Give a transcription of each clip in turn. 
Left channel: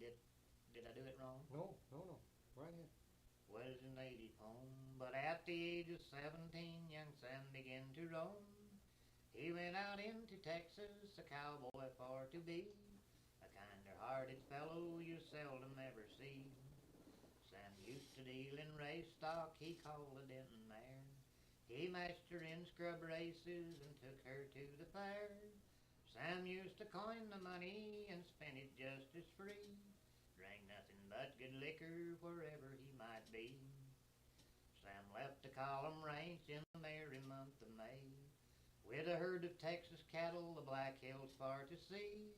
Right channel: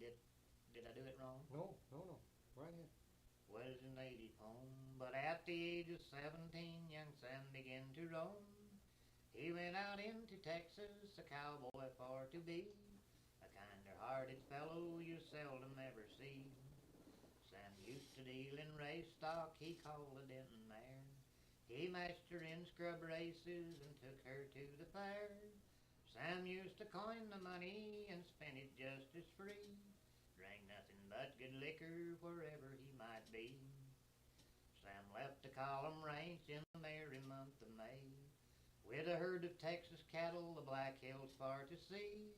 Did I do it wrong? No, no, no. Right ahead. Was a native home, but at the age of 17, young Sam began to roam. He went out into Texas, a cowboy for to be, a kinder-hearted fellow you seldom ever see. Sam used to deal in race stock he called a Denton mare. He matched her in scrub races and took her to the fair. Sam used to coin the money and spend it just as free. Drank nothing but good liquor wherever he might be. Sam left the column ranch in the merry month of May with a herd of Texas cattle the Black Hills far to see.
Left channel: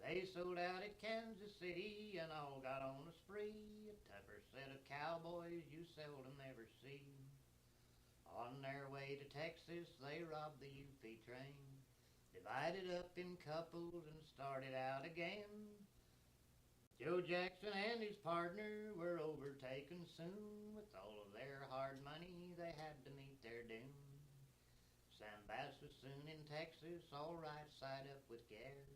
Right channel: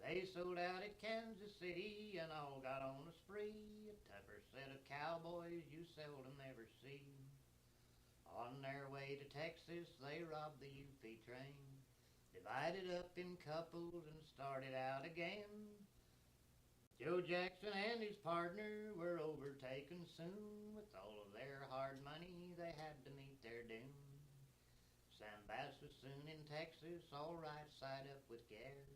They sold out at Kansas City and all got on a spree, a tougher set of cowboys you seldom ever see. On their way to Texas, they robbed the UP train, divided up in couples and started out again. Joe Jackson and his partner were overtaken soon. With all of their hard money, they had to meet their doom. Sam Bass was soon in Texas, all right side up with Gare.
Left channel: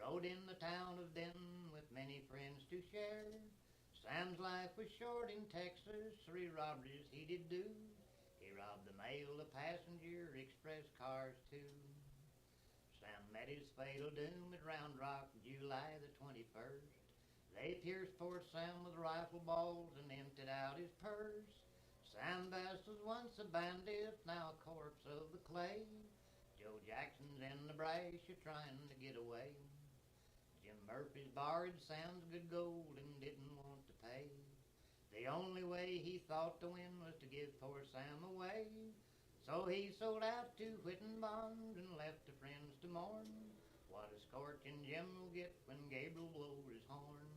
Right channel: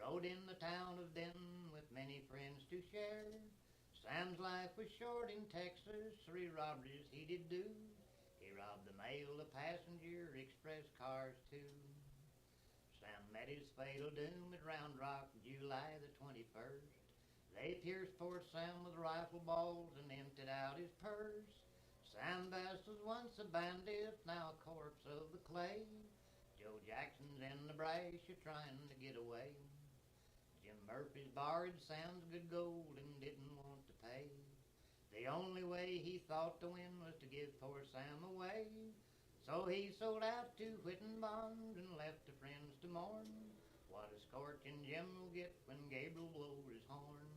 Rode in the town of Denton with many friends to share. Sam's life was short in Texas, 3 robberies he did do. He robbed the mail, the passenger, express cars too. Sam met his fatal doom at Round Rock, July the 21st. They pierced poor Sam with rifle balls and emptied out his purse. Sam Bass was once a bandit, now a corpse of the clay. Joe Jackson's in Nebraska trying to get away. Jim Murphy's borrowed Sam's good gold and didn't want to pay. The only way he thought to win was to give poor Sam away. So he sold out to Whitten Bond and left the friends to mourn. What a scorching Jim will get when Gabriel blows his horn.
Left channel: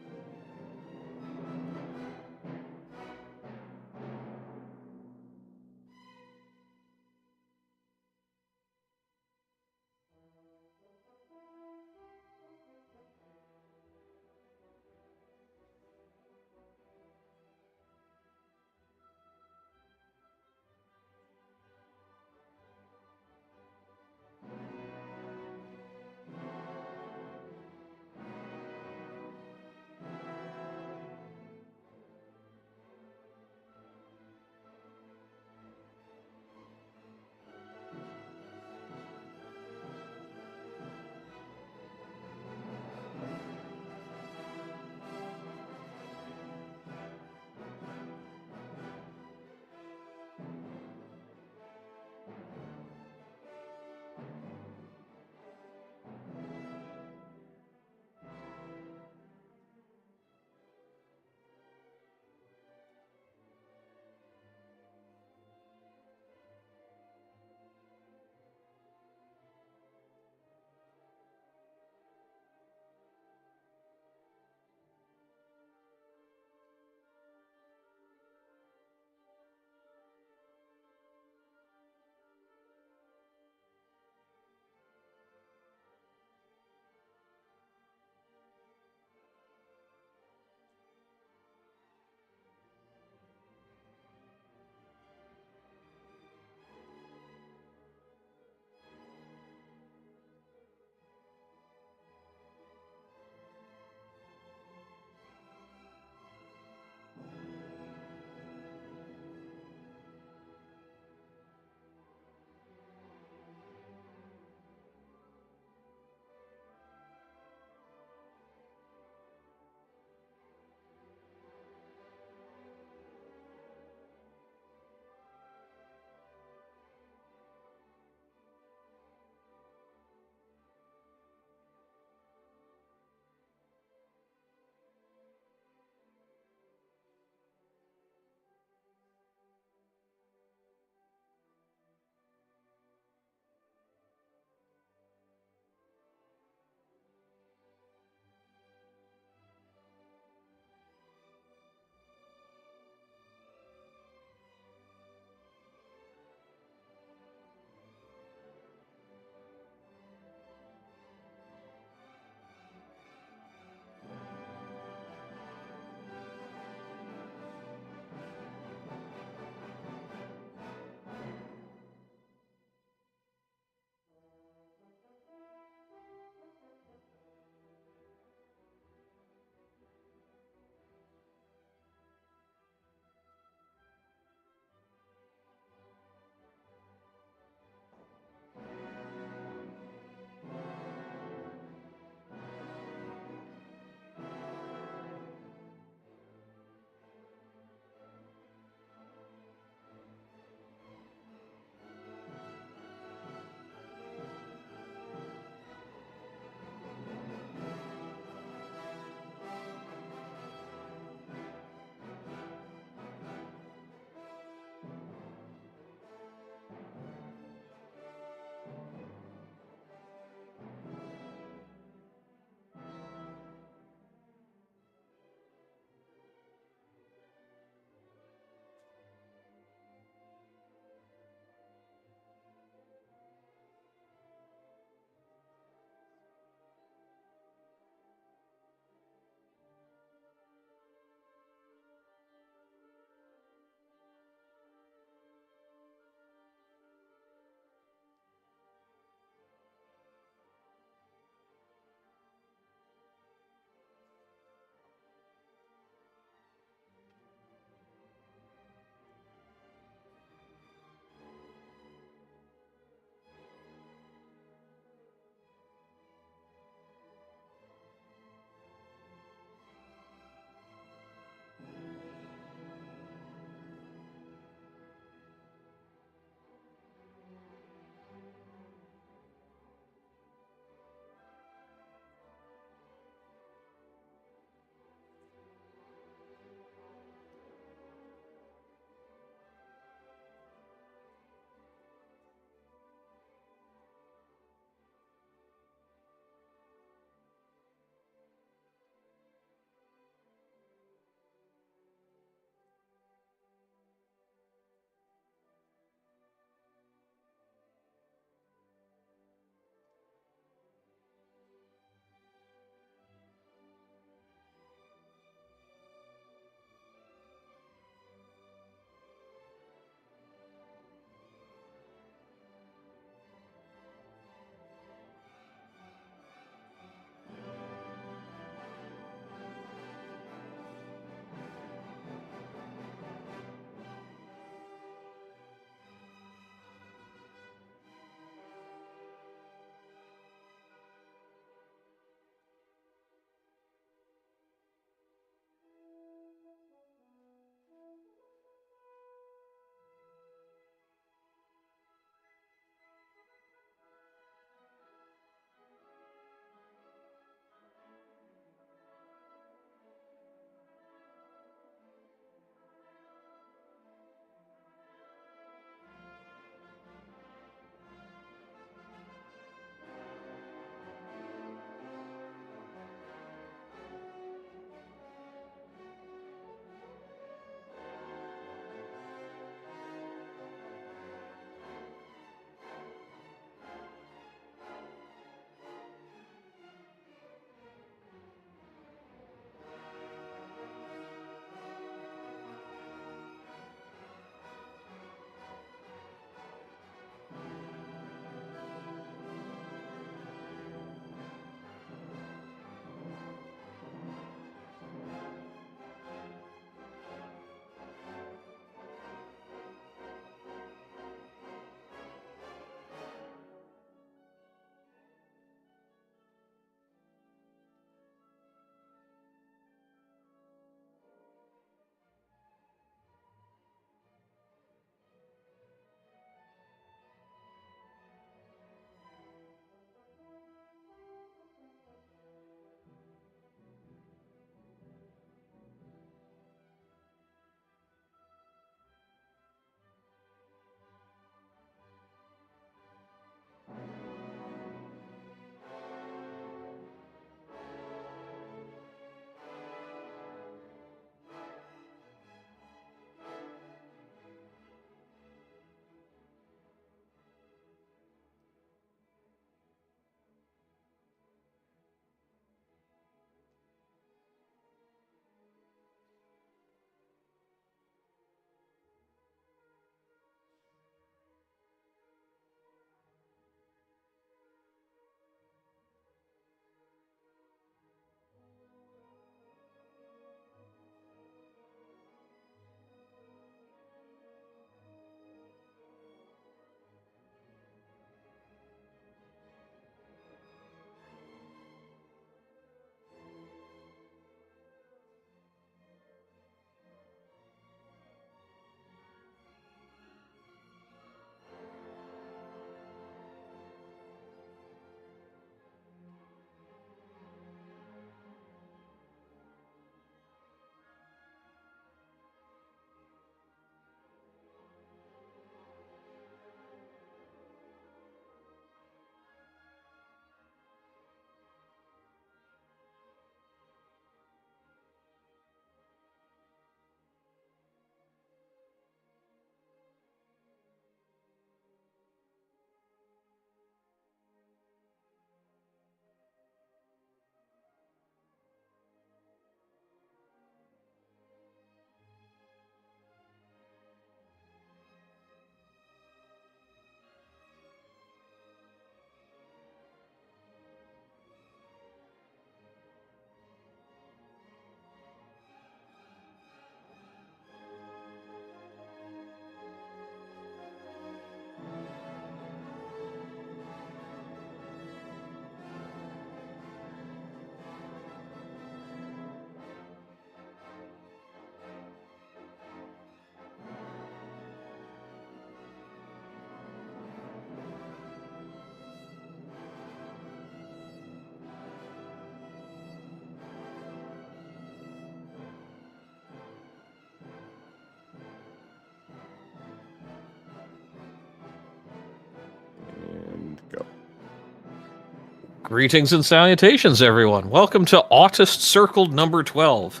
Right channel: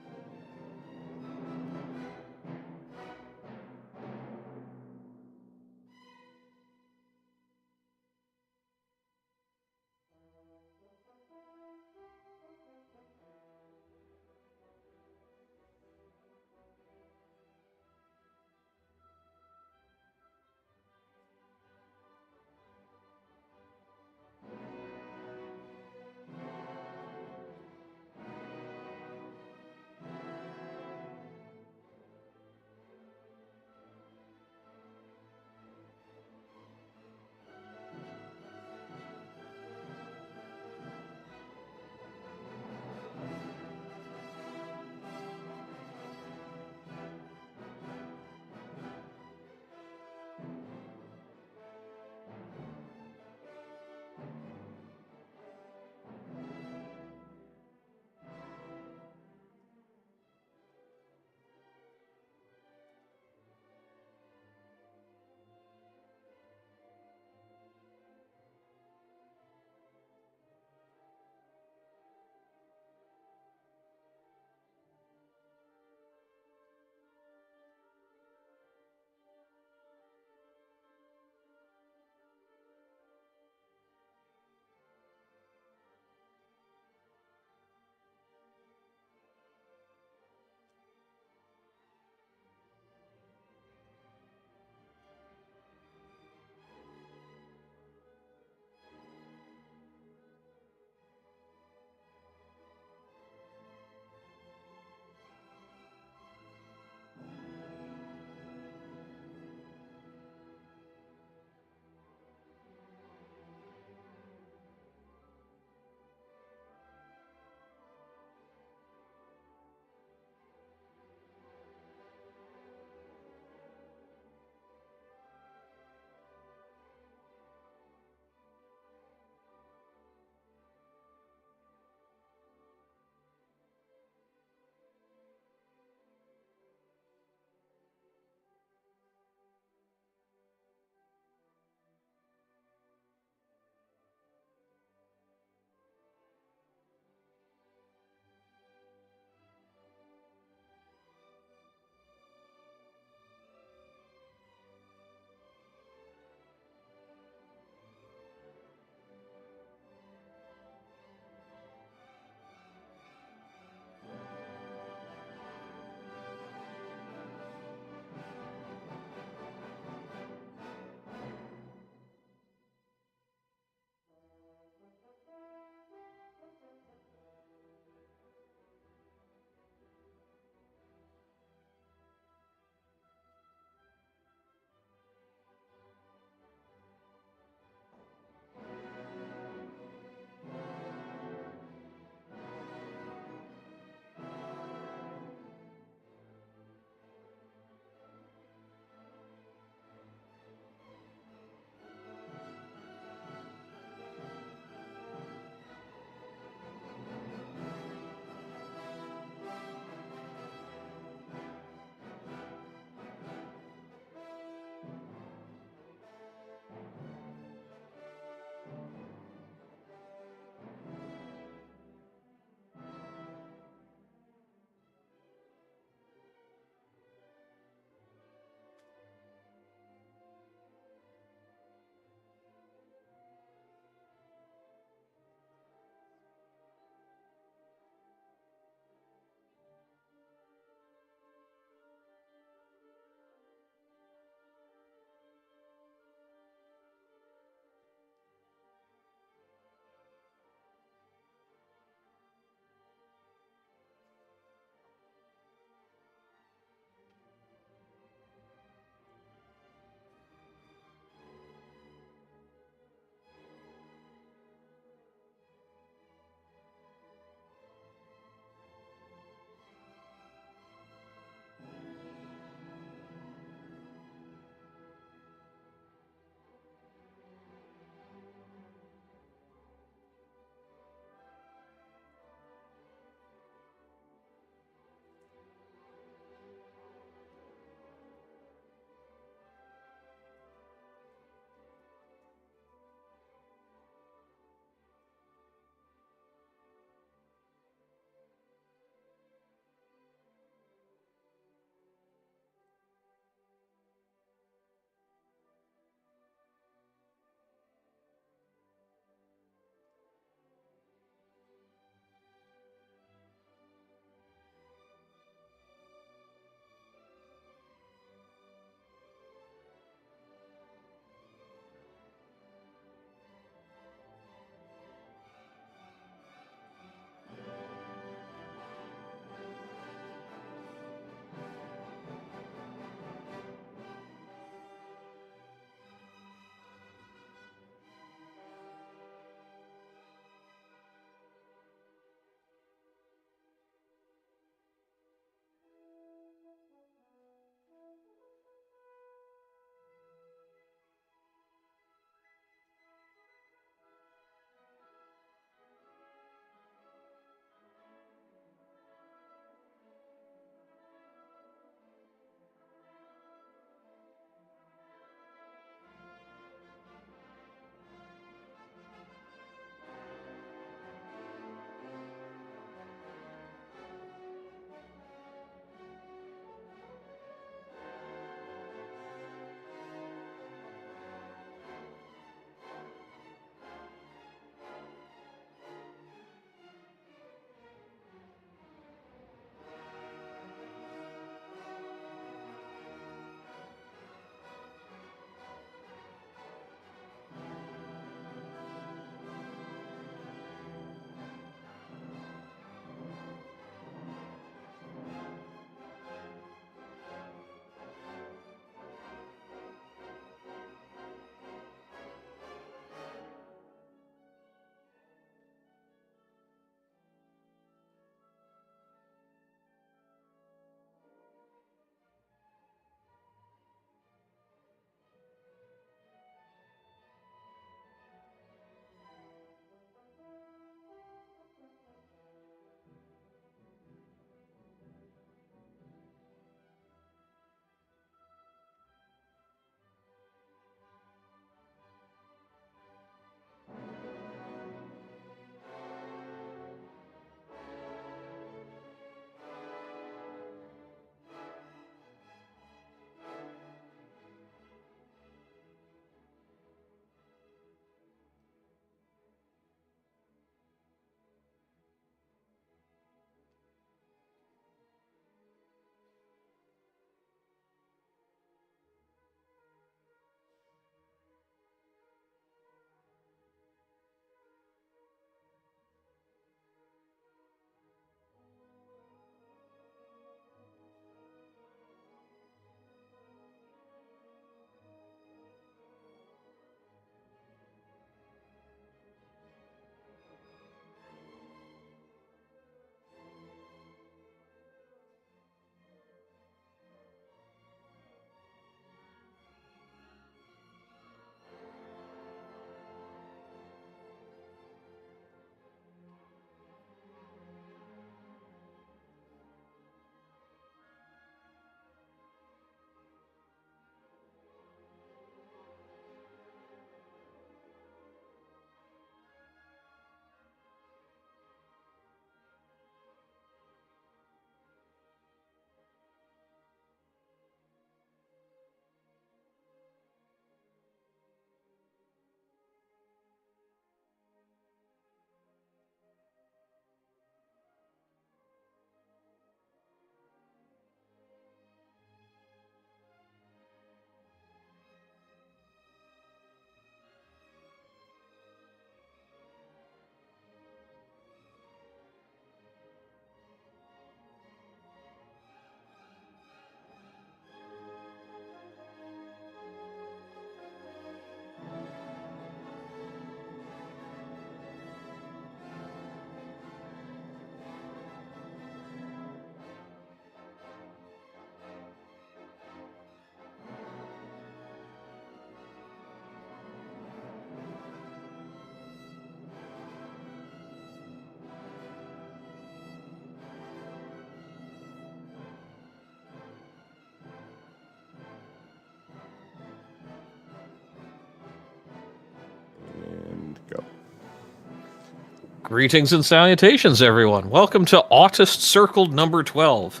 Greetings and salutations, everyone. Welcome to Autist Circle number 12,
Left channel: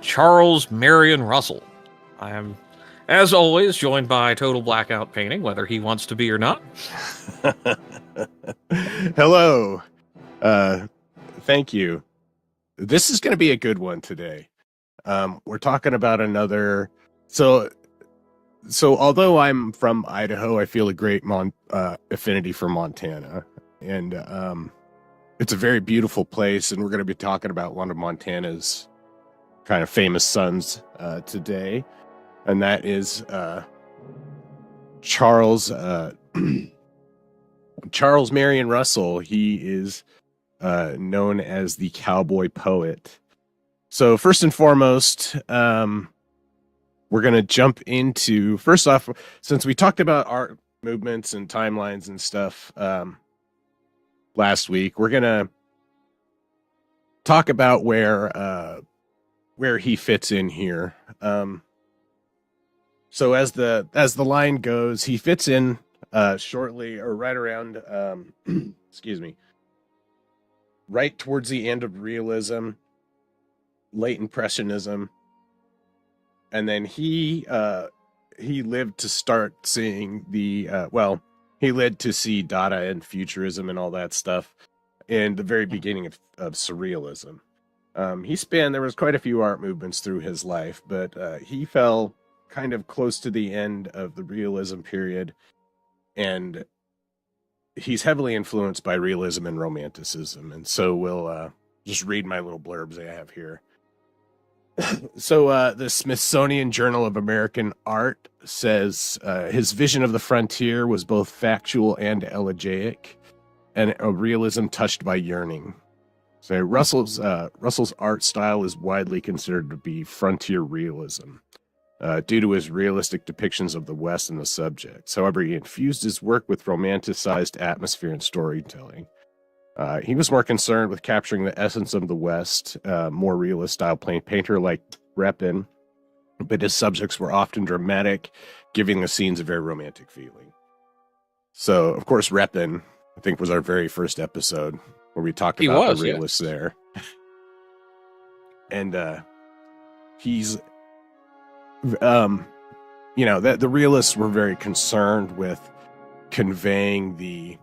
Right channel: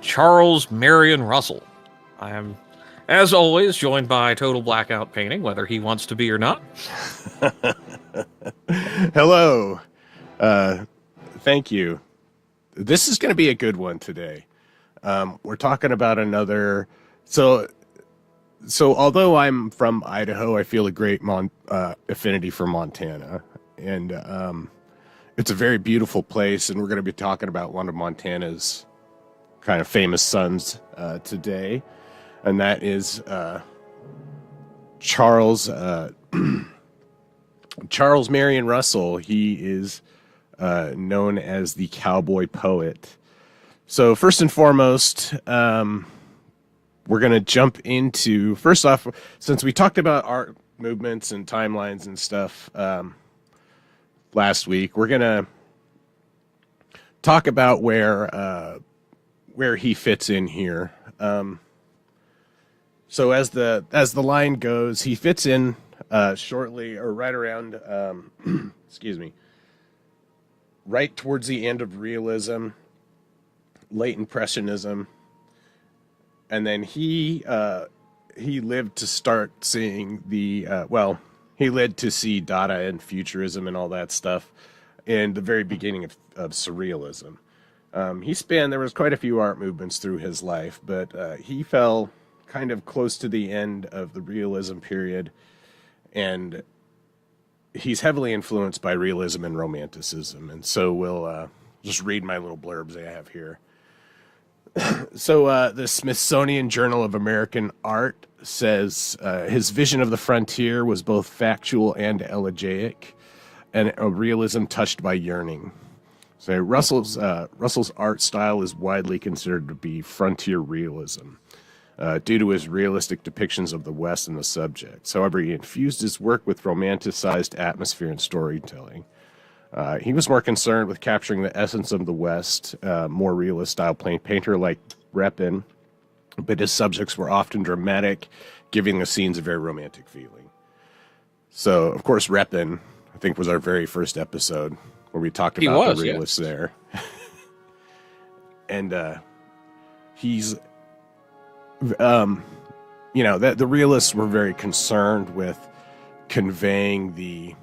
Charles Marion Russell. I am, as always, joined by Total Blackout Painting, whether he wants to be or not. Hello. Thank you. This is going to be a good one today. We're talking about another... So although I'm from Idaho, I feel a great affinity for Montana. And it's a very beautiful place, and we're going to be talking about one of Montana's kind of famous sons today. And that is Charles Marion Russell. He is known as the cowboy poet. So first and foremost, we're going to jump into, first off, since we talked about art movements and timelines and stuff last week, we're going to talk about where he fits in here. So as the line goes, he fits in shortly, or right around, excuse me, right towards the end of realism, late impressionism, and then he lived to start seeing the he lived to see Dada and Futurism and all that stuff in the very beginning of Surrealism. There was quite a few art movements through his life, but he fell kind of close to the end of the Realism period, and he's heavily influenced by Realism and Romanticism. And so we'll just read my little blurbs I have here. So the Smithsonian Journal of American Art says his vision of the frontier was both factual and elegiac, and a realism touched by yearning. So Russell's art style is widely considered to be frontier realism due to his realistic depictions of the West and the subjects. However, he infused his work with romanticized atmosphere and storytelling. He was more concerned with capturing the essence of the West, more realist style painter like Repin, but his subjects were often dramatic, giving the scenes a very romantic feeling. So, of course, Repin, I think, was our very first episode where we talked about the realists there. And he's, the realists were very concerned with conveying the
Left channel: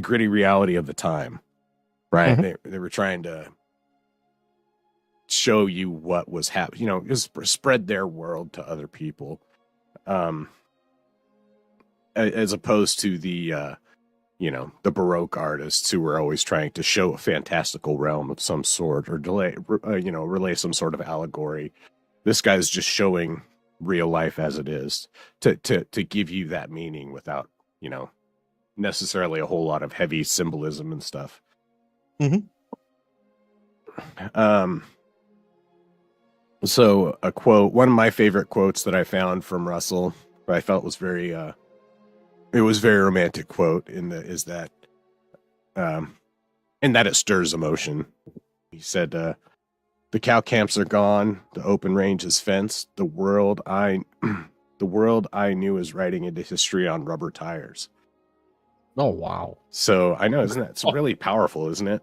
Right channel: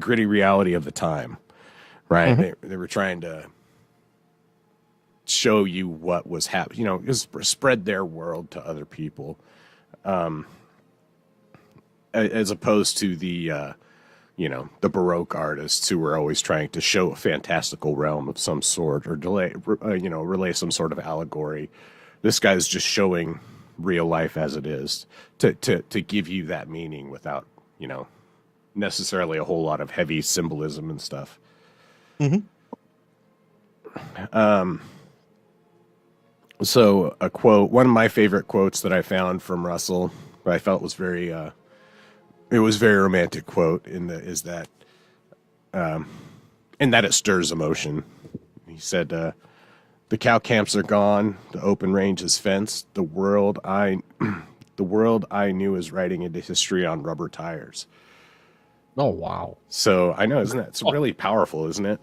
gritty reality of the time, right? Mm-hmm. They were trying to show you what was happening, spread their world to other people, as opposed to the Baroque artists who were always trying to show a fantastical realm of some sort or relay some sort of allegory. This guy's just showing real life as it is to give you that meaning without, necessarily a whole lot of heavy symbolism and stuff. Mm-hmm. So a quote, one of my favorite quotes that I found from Russell, that I felt was very romantic quote is that it stirs emotion. He said, the cow camps are gone, the open range is fenced, the world I knew is writing into history on rubber tires. Oh, wow. So I know, isn't it? It's really powerful, isn't it?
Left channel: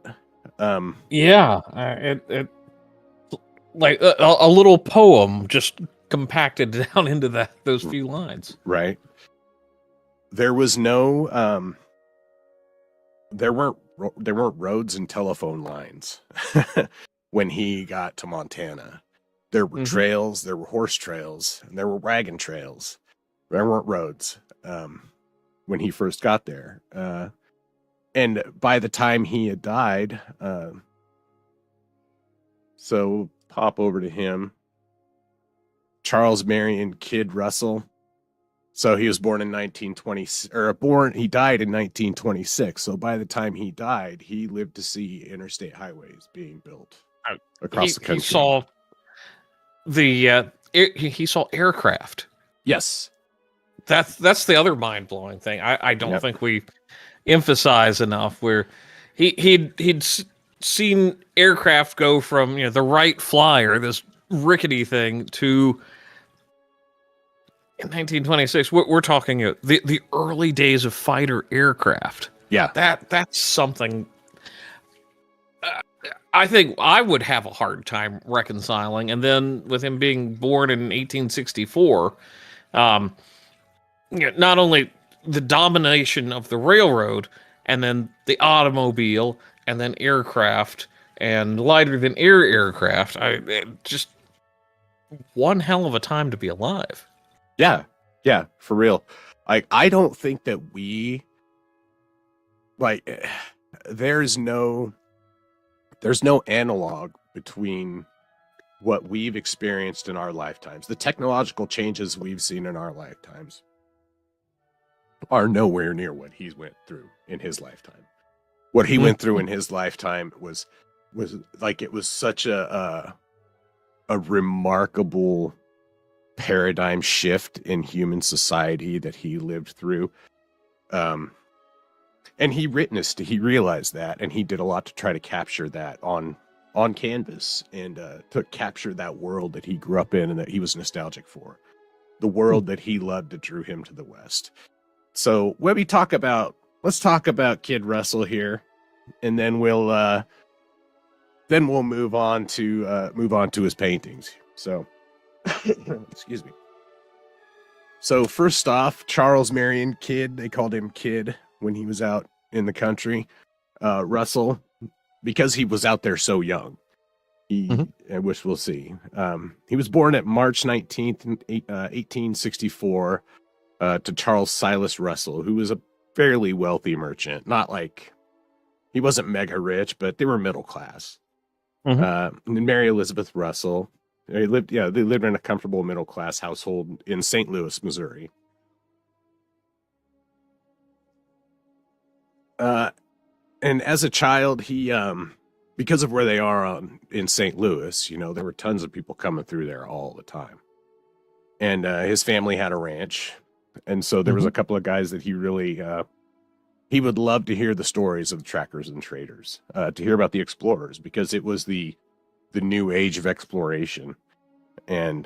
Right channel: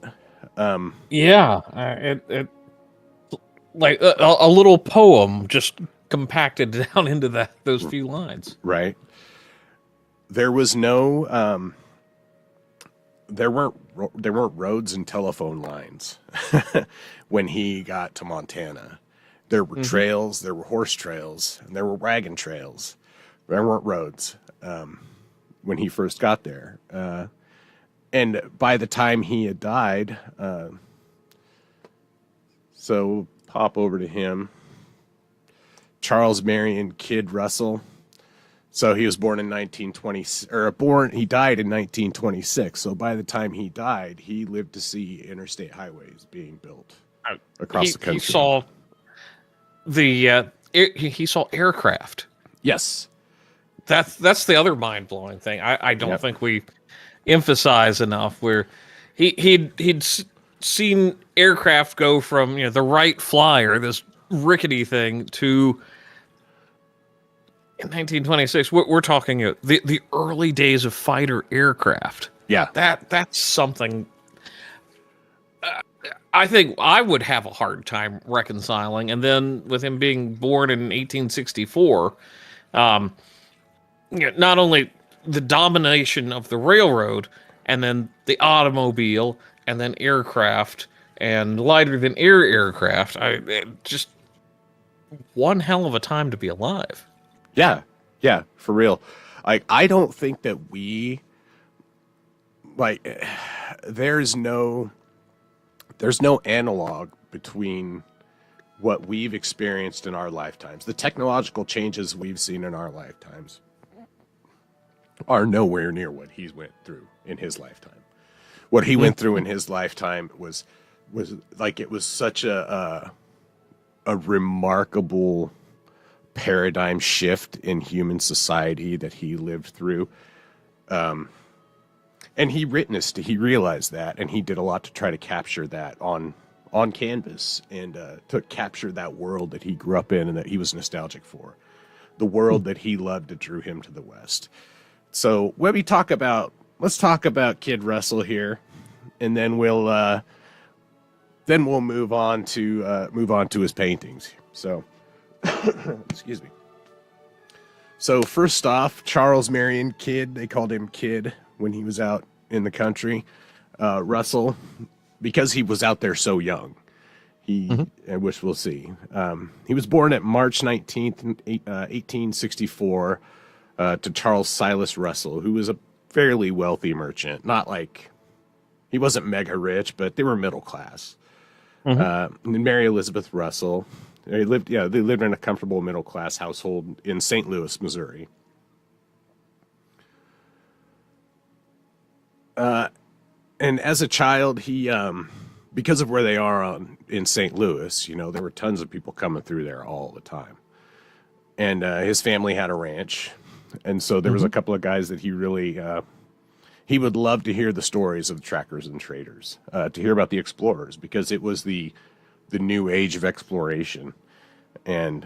Yeah. It like a little poem just compacted down into those few lines. Right. There was no, there weren't roads and telephone lines when he got to Montana. There were trails, there were horse trails, and there were wagon trails. There weren't roads. When he first got there. And by the time he had died, so pop over to him, Charles Marion Kid Russell. So he was born in 1920, he died in 1926. So by the time he died, he lived to see interstate highways being built across the country. He saw aircraft. Yes. That's the other mind-blowing thing. I don't think we emphasize enough, where he'd seen aircraft go from the Wright Flyer, this rickety thing, to in 1926. We're talking the early days of fighter aircraft. Yeah, that's something I think I would have a hard time reconciling. And then with him being born in 1864, um, not only the domination of the railroad, and then the automobile, and then aircraft, and lighter than air aircraft. Just one hell of a time to be alive. Yeah, yeah, for real. I don't think that we like. There's no analog between what we've experienced in our lifetimes. The technological changes we've seen in our lifetimes are nowhere near what he went through in his lifetime. What he went through in his lifetime was like, it was such a remarkable paradigm shift in human society that he lived through. And he realized that, and he did a lot to try to capture that on canvas, and to capture that world that he grew up in and that he was nostalgic for, the world that he loved that drew him to the West. So when we talk about, let's talk about Kid Russell here, and then we'll move on to his paintings. So, excuse me. So first off, Charles Marion Kidd, they called him Kid when he was out in the country. Russell, because he was out there so young, which we'll see. He was born at March 19th, 1864, to Charles Silas Russell, who was a fairly wealthy merchant. Not like, he wasn't mega rich, but they were middle class. And Mary Elizabeth Russell, they lived in a comfortable middle class household in St. Louis, Missouri. And as a child, he, because of where they are in St. Louis, there were tons of people coming through there all the time. And his family had a ranch. And so there was a couple of guys that he really, he would love to hear the stories of the trackers and traders, to hear about the explorers, because it was the new age of exploration. And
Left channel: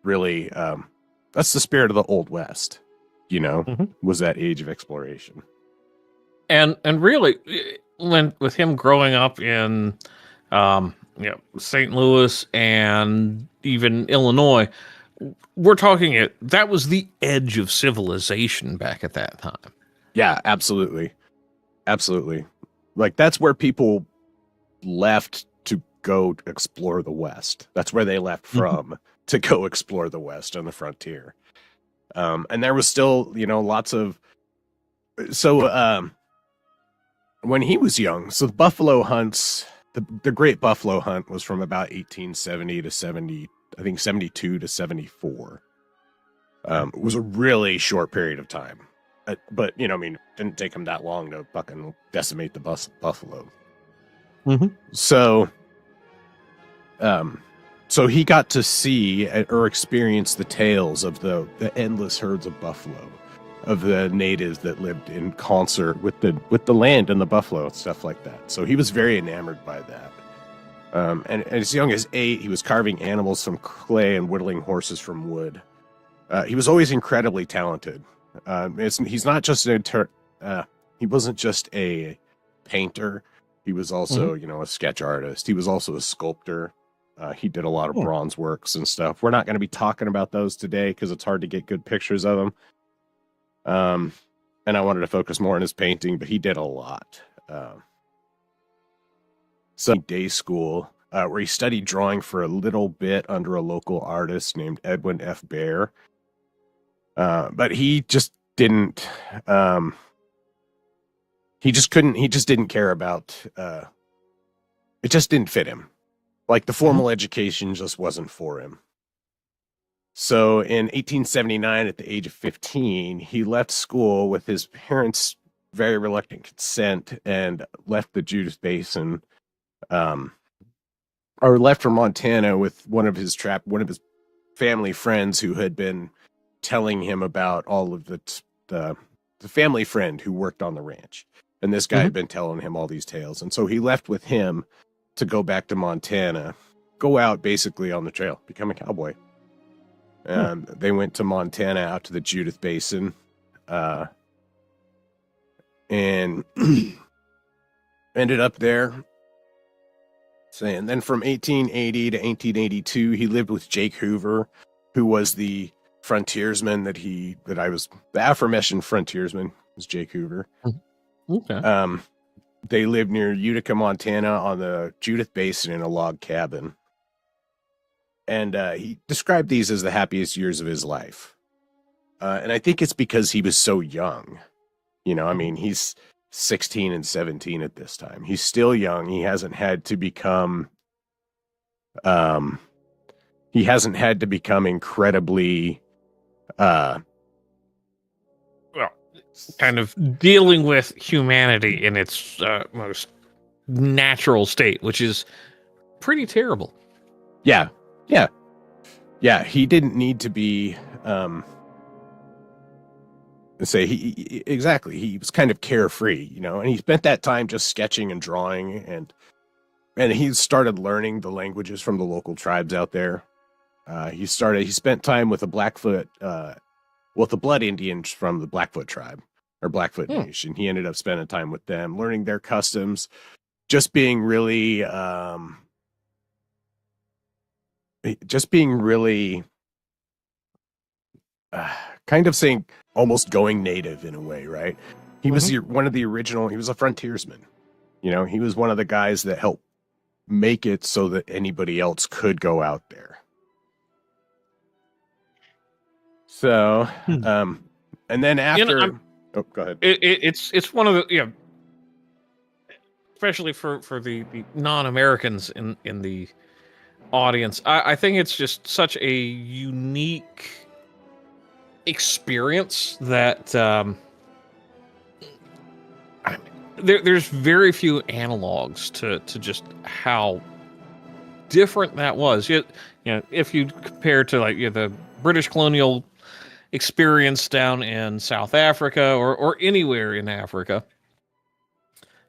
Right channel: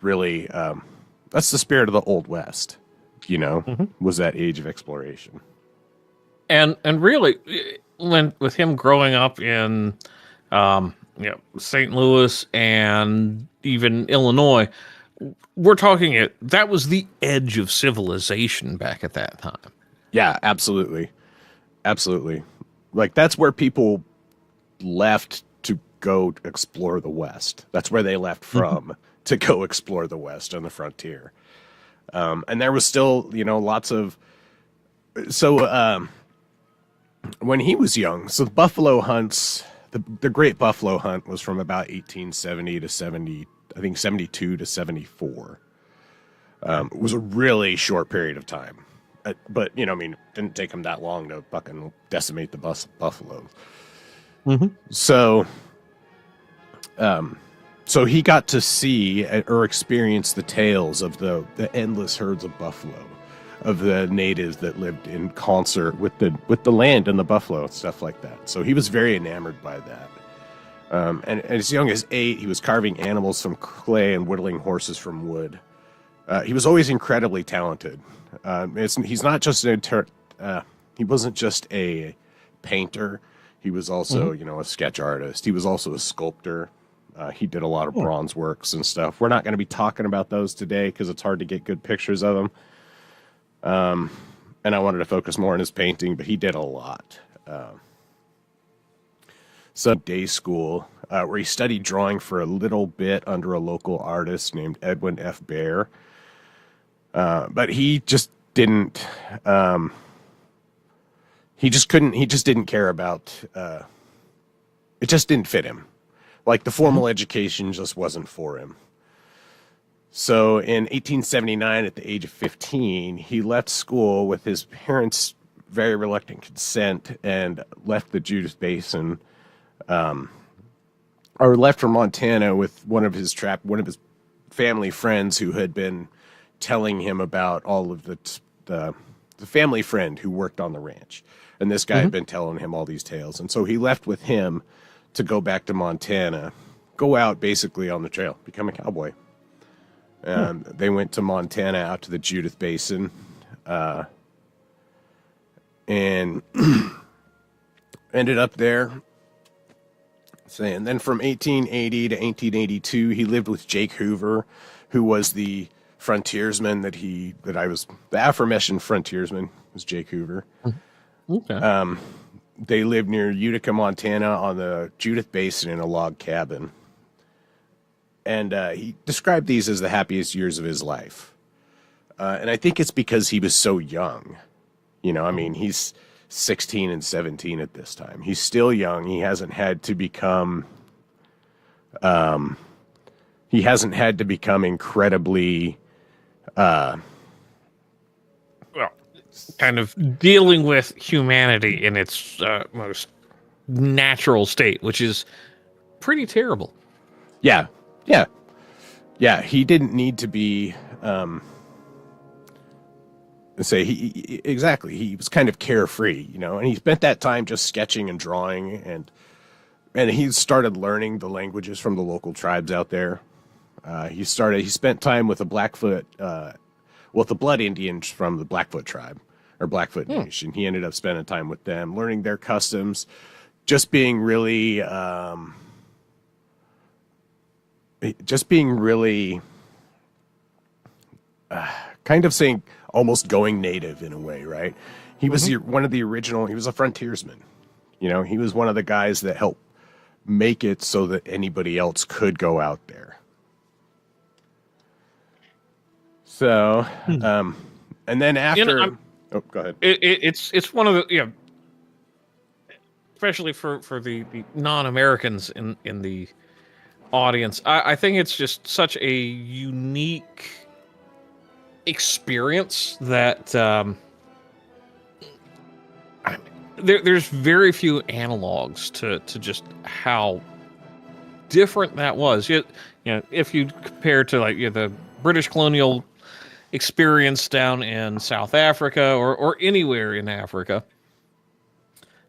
really, that's the spirit of the Old West, was that age of exploration. And really, with him growing up in St. Louis and even Illinois, we're talking that was the edge of civilization back at that time. Yeah, absolutely. Absolutely. Like, that's where people left to go explore the West. That's where they left from to go explore the West on the frontier. And there was still, lots of... So, when he was young, so buffalo hunts, the Great Buffalo Hunt was from about 1870 to 72 to 74. It was a really short period of time. But, it didn't take him that long to fucking decimate the buffalo. So he got to see or experience the tales of the endless herds of buffalo, of the natives that lived in concert with the land and the buffalo and stuff like that. So he was very enamored by that. And as young as 8, he was carving animals from clay and whittling horses from wood. He was always incredibly talented. He's not just he wasn't just a painter. He was also, a sketch artist. He was also a sculptor. He did a lot of bronze works and stuff. We're not going to be talking about those today because it's hard to get good pictures of them. And I wanted to focus more on his painting, but he did a lot. So day school, where he studied drawing for a little bit under a local artist named Edwin F. Bear. But he just didn't, he just didn't care about, it just didn't fit him. Like, the formal education just wasn't for him. So in 1879, at the age of 15, he left school with his parents' very reluctant consent and left the Judith Basin, or left for Montana with one of his family friends who had been telling him about all of the family friend who worked on the ranch. And this guy had been telling him all these tales. And so he left with him to go back to Montana, go out basically on the trail, become a cowboy. And they went to Montana, out to the Judith Basin. And ended up there. And then from 1880 to 1882, he lived with Jake Hoover, who was the frontiersman the aforementioned frontiersman was Jake Hoover. Okay. They lived near Utica, Montana on the Judith Basin in a log cabin. And he described these as the happiest years of his life. And I think it's because he was so young. You know, I mean, he's 16 and 17 at this time. He's still young. He hasn't had to become incredibly kind of dealing with humanity in its most natural state, which is pretty terrible. Yeah. He didn't need to be. He was kind of carefree, you know, and he spent that time just sketching and drawing, and he started learning the languages from the local tribes out there. He spent time with the Blackfoot, the Blood Indians from the Blackfoot tribe or Blackfoot Nation. He ended up spending time with them, learning their customs, just being really, kind of saying almost going native in a way, right? He was one of the original, he was a frontiersman. You know, he was one of the guys that helped make it so that anybody else could go out there. So, and then after, go ahead. It's one of the, especially for the non-Americans in the audience, I think it's just such a unique experience that there's very few analogs to just how different that was. You know, if you compare to like the British colonial experience down in South Africa or anywhere in Africa,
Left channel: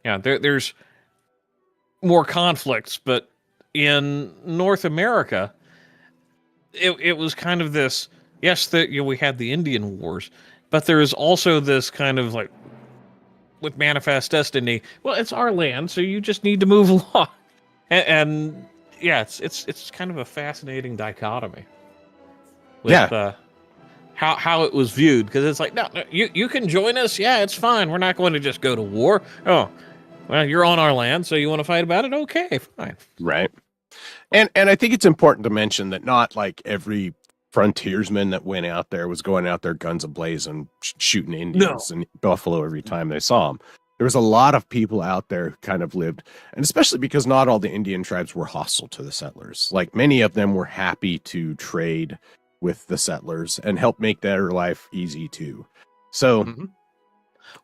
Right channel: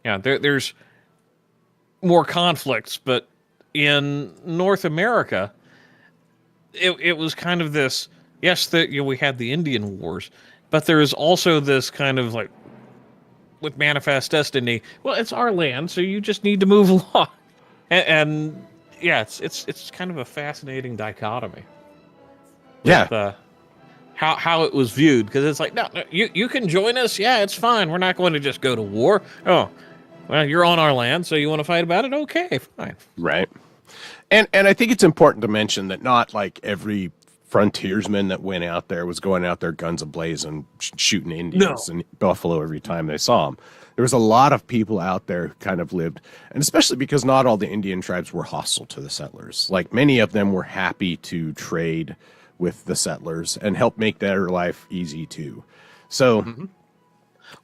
there's more conflicts, but in North America, it was kind of this. Yes, we had the Indian Wars, but there is also this kind of like, with Manifest Destiny. Well, it's our land, so you just need to move along, and it's kind of a fascinating dichotomy. With, how it was viewed, because it's like, no, you can join us. Yeah, it's fine. We're not going to just go to war. Oh, well, you're on our land, so you want to fight about it? Okay, fine. Right. And I think it's important to mention that not like every frontiersman that went out there was going out there guns ablaze and shooting Indians and buffalo every time they saw them. There was a lot of people out there who kind of lived, and especially because not all the Indian tribes were hostile to the settlers. Like many of them were happy to trade with the settlers and help make their life easy too. So,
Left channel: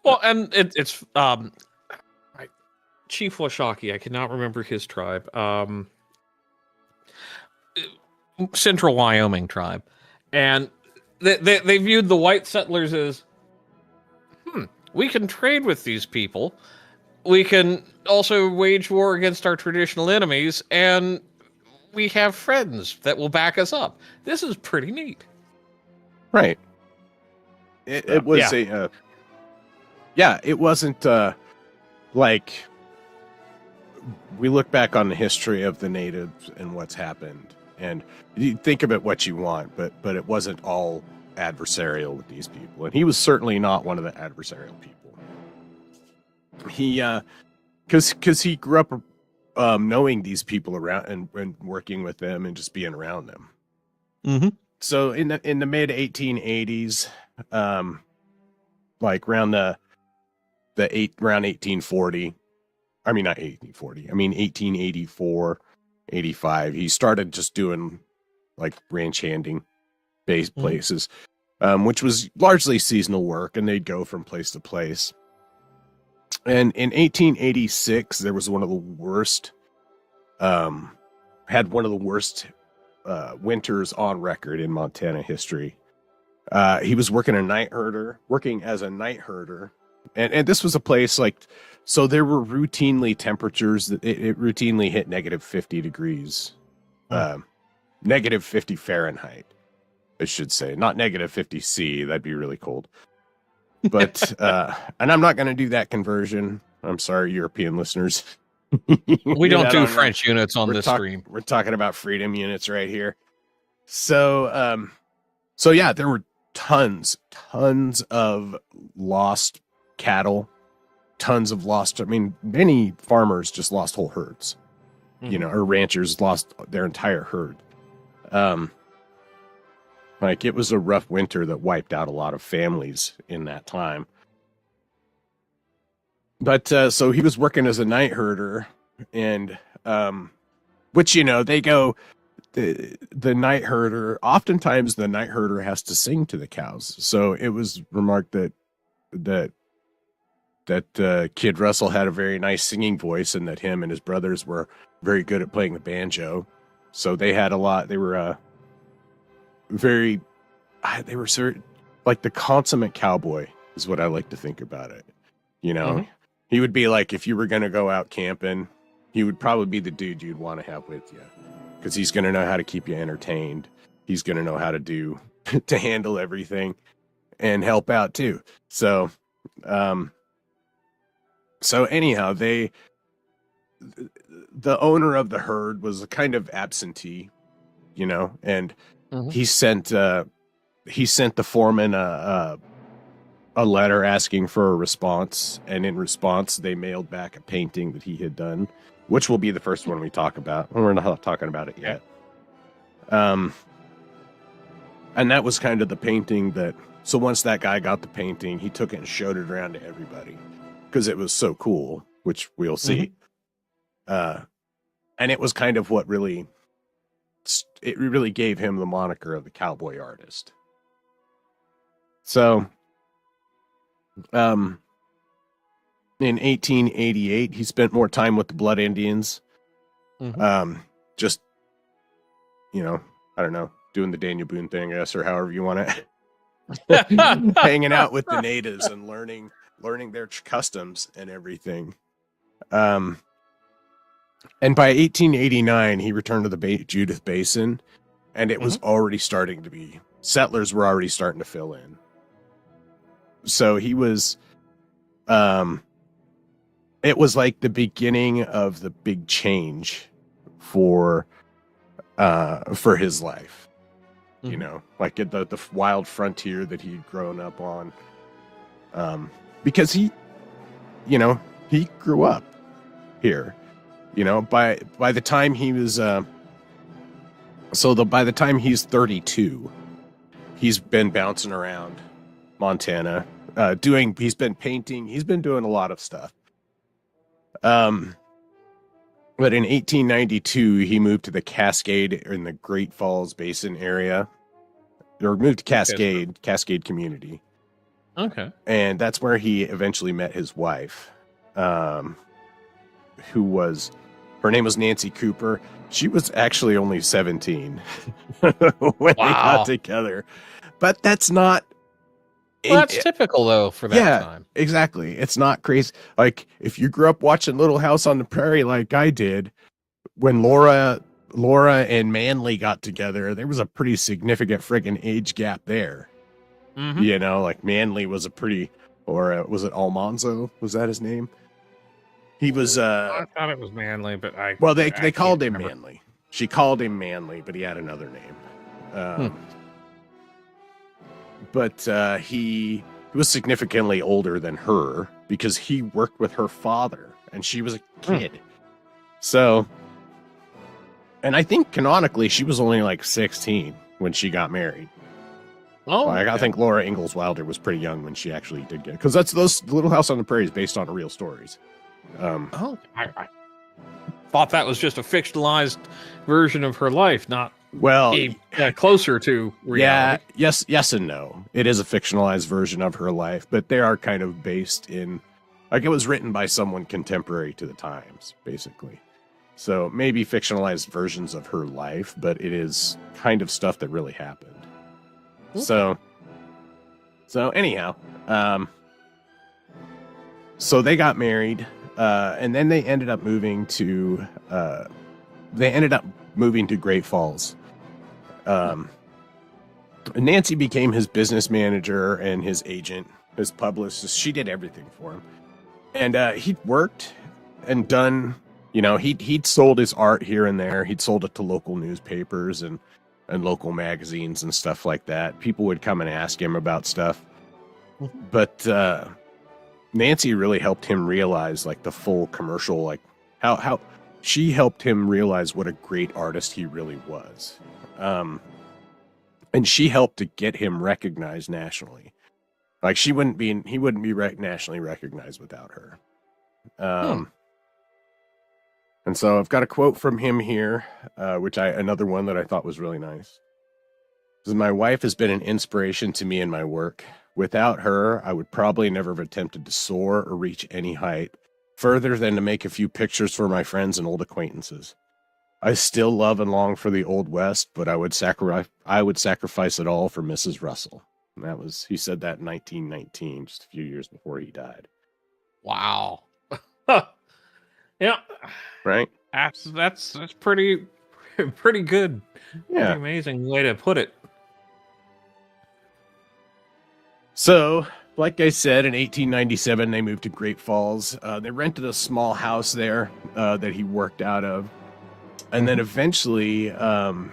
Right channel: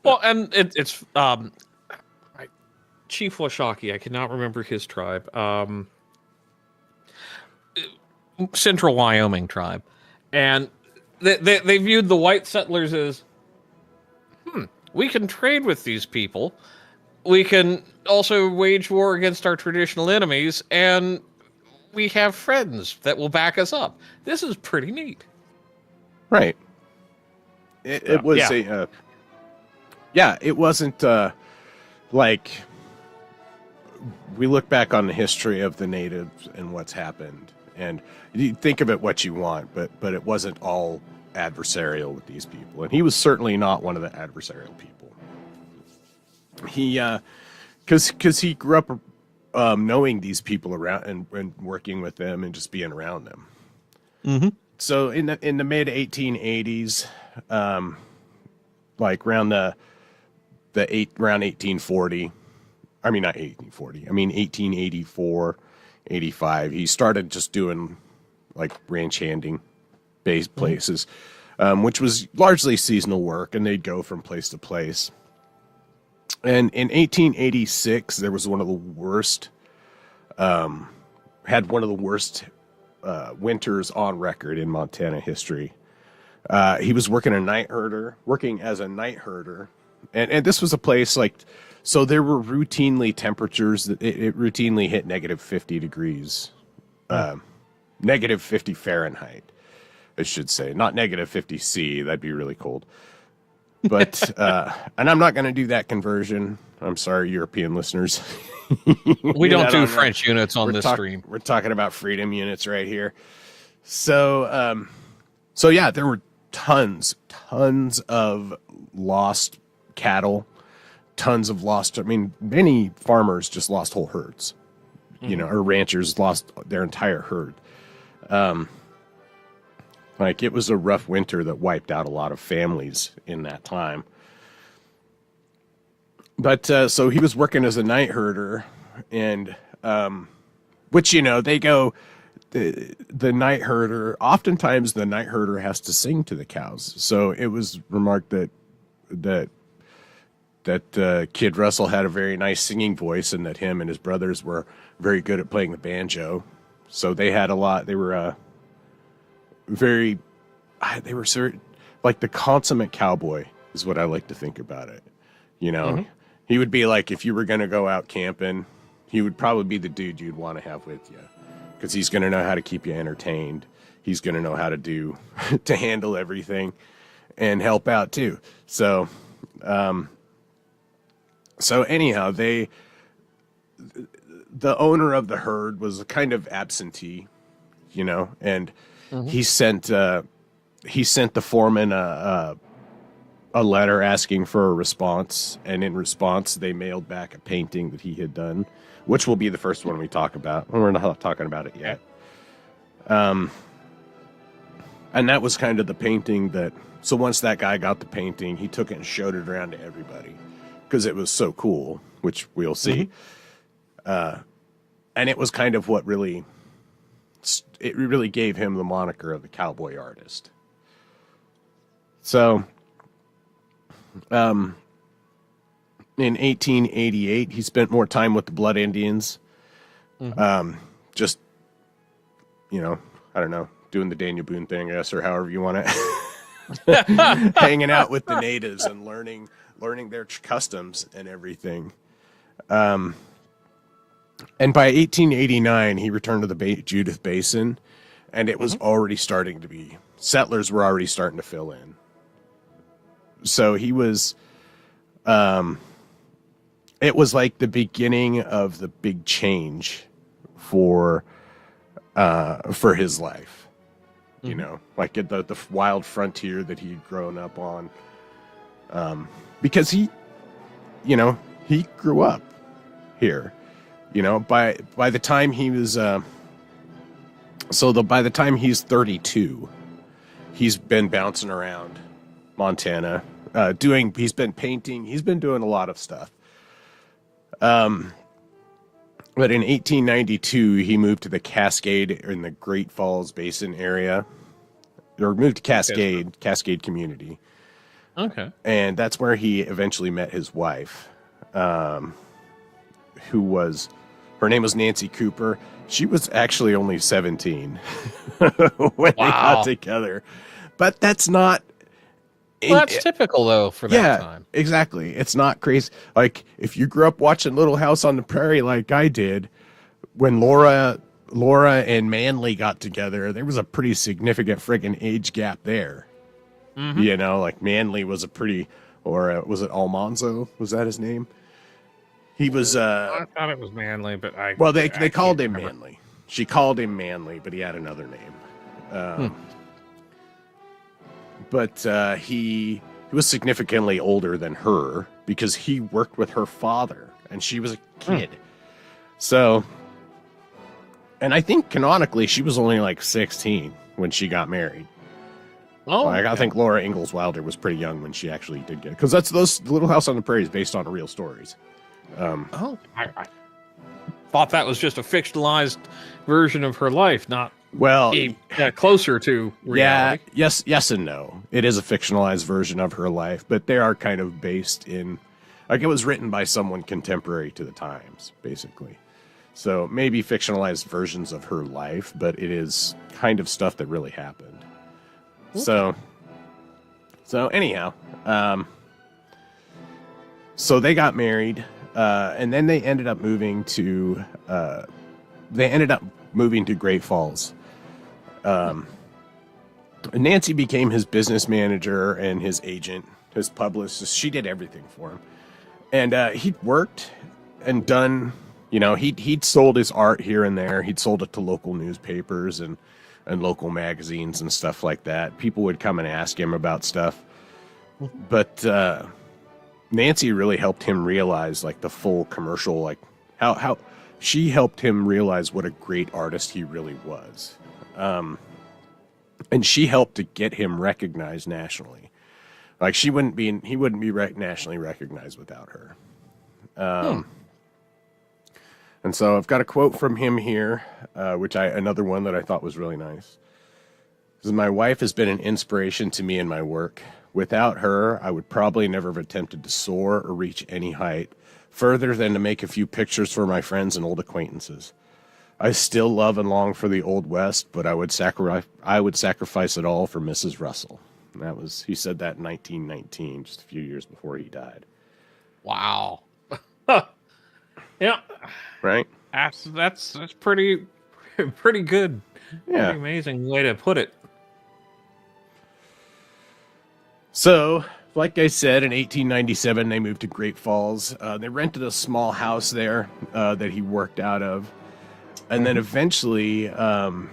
well, and it's Chief Washakie, I cannot remember his tribe. Central Wyoming tribe, and they viewed the white settlers as, we can trade with these people, we can also wage war against our traditional enemies, and we have friends that will back us up. This is pretty neat. Right. It was it wasn't like, we look back on the history of the natives and what's happened, and you think of it what you want, but it wasn't all adversarial with these people, and he was certainly not one of the adversarial people. He, because he grew up knowing these people around and working with them and just being around them. Mm-hmm. So in the mid 1880s, like around around 1840. I mean, not 1840. I mean, 1884, 85. He started just doing like ranch handing based places, which was largely seasonal work, and they'd go from place to place. And in 1886, there was one of the worst, winters on record in Montana history. He was working as a night herder, and this was a place like. So there were routinely temperatures that it routinely hit negative 50 degrees, negative 50 Fahrenheit, I should say, not negative 50 C. That'd be really cold. But and I'm not going to do that conversion. I'm sorry, European listeners. We don't do French units on this stream. We're talking about freedom units right here. So, so yeah, there were tons of lost cattle, tons of lost. I mean, many farmers just lost whole herds, you know, or ranchers lost their entire herd. Like it was a rough winter that wiped out a lot of families in that time. But so he was working as a night herder, and which, you know, they go, the night herder, oftentimes the night herder has to sing to the cows. So it was remarked that Kid Russell had a very nice singing voice, and that him and his brothers were very good at playing the banjo. So they had a lot. They were they were certain, like the consummate cowboy is what I like to think about it. You know, he would be like, if you were going to go out camping, he would probably be the dude you'd want to have with you, because he's going to know how to keep you entertained. He's going to know how to handle everything and help out too. So, so anyhow, the owner of the herd was a kind of absentee, you know, and he sent the foreman a letter asking for a response, and in response they mailed back a painting that he had done, which will be the first one we talk about. We're not talking about it yet. And that was kind of the painting that, so once that guy got the painting, he took it and showed it around to everybody because it was so cool, which we'll see. And it was kind of what really gave him the moniker of the Cowboy Artist. So, in 1888, he spent more time with the Blood Indians. Just, you know, I don't know, doing the Daniel Boone thing, I guess, or however you want it. Hanging out with the natives and learning their customs and everything. And by 1889, he returned to the Judith Basin, and it was already starting to be, settlers were already starting to fill in. So he was, it was like the beginning of the big change for his life, you know, like at the wild frontier that he had grown up on, because he, you know, he grew up here, you know, by the time he was, by the time he's 32, he's been bouncing around Montana, he's been painting, he's been doing a lot of stuff. But in 1892, he moved to the Cascade in the Great Falls Basin area, or moved to Cascade community. Okay. And that's where he eventually met his wife, her name was Nancy Cooper. She was actually only 17 when they got together. But that's not... Well, that's typical, though, for that time. Exactly. It's not crazy. Like, if you grew up watching Little House on the Prairie like I did, when Laura and Manly got together, there was a pretty significant friggin' age gap there. You know, like Manly was a pretty... Or was it Almanzo? Was that his name? He was... I thought it was Manly, but Well, they called him Manly. She called him Manly, but he had another name. But he was significantly older than her because he worked with her father, and she was a kid. So, and I think canonically she was only like 16 when she got married. Oh, like, I think Laura Ingalls Wilder was pretty young when she actually did get it, because those Little House on the Prairie is based on real stories. I thought that was just a fictionalized version of her life, not closer to reality. Yeah, yes and no. It is a fictionalized version of her life, but they are kind of based in, like, it was written by someone contemporary to the times, basically. So maybe fictionalized versions of her life, but it is kind of stuff that really happened. Okay. So anyhow, so they got married, and then they ended up moving to Great Falls. Nancy became his business manager and his agent, his publicist. She did everything for him. And he'd worked and done, he'd sold his art here and there. He'd sold it to local newspapers and local magazines and stuff like that. People would come and ask him about stuff. But Nancy really helped him realize, like, the full commercial, like, how she helped him realize what a great artist he really was. And she helped to get him recognized nationally. Like, he wouldn't be nationally recognized without her. And so I've got a quote from him here, another one that I thought was really nice. It says, "My wife has been an inspiration to me in my work. Without her, I would probably never have attempted to soar or reach any height, further than to make a few pictures for my friends and old acquaintances. I still love and long for the Old West, but I would sacrifice it all for Mrs. Russell." And he said that in 1919, just a few years before he died. Wow. Yeah. Right? That's pretty good. Yeah. Pretty amazing way to put it. So, like I said, in 1897, they moved to Great Falls. They rented a small house there that he worked out of. And then eventually, in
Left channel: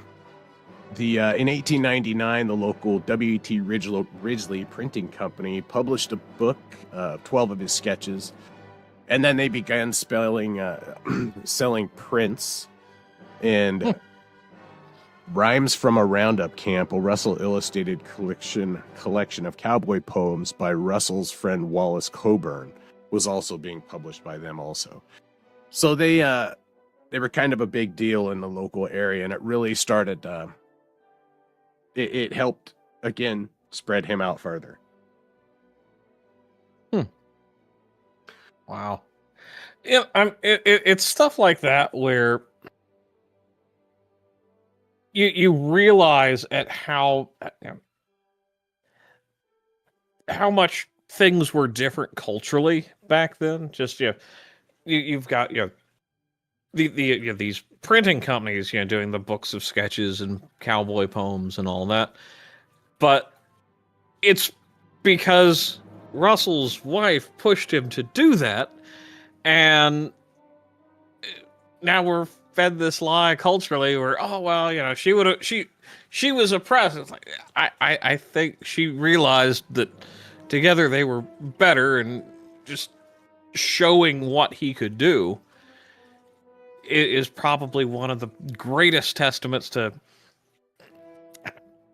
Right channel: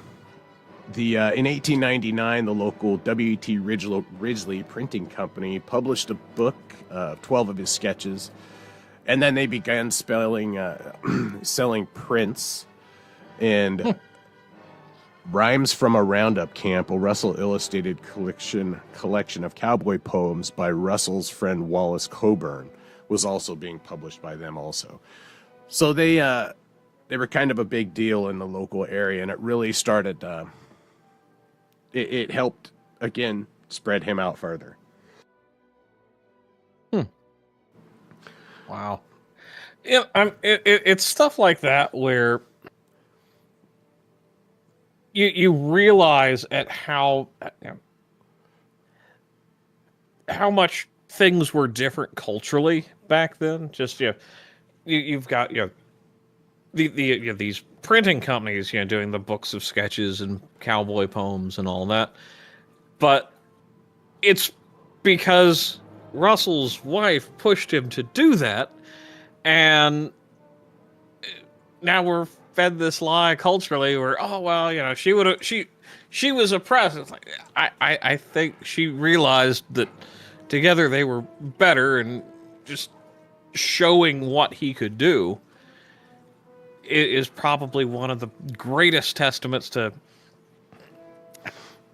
1899, the local W.T. Risley Printing Company published a book, 12 of his sketches. And then they began selling prints and Rhymes from a Roundup Camp, a Russell illustrated collection of cowboy poems by Russell's friend Wallace Coburn, was also being published by them also. So they were kind of a big deal in the local area, and it really started, it helped, again, spread him out further. Wow. Yeah, it's stuff like that where you realize at how much things were different culturally back then. Just you've got these printing companies doing the books of sketches and cowboy poems and all that, but it's because Russell's wife pushed him to do that, and now we're fed this lie culturally where, oh well, she was oppressed. It's like I think she realized that together they were better, and just showing what he could do is probably one of the greatest testaments to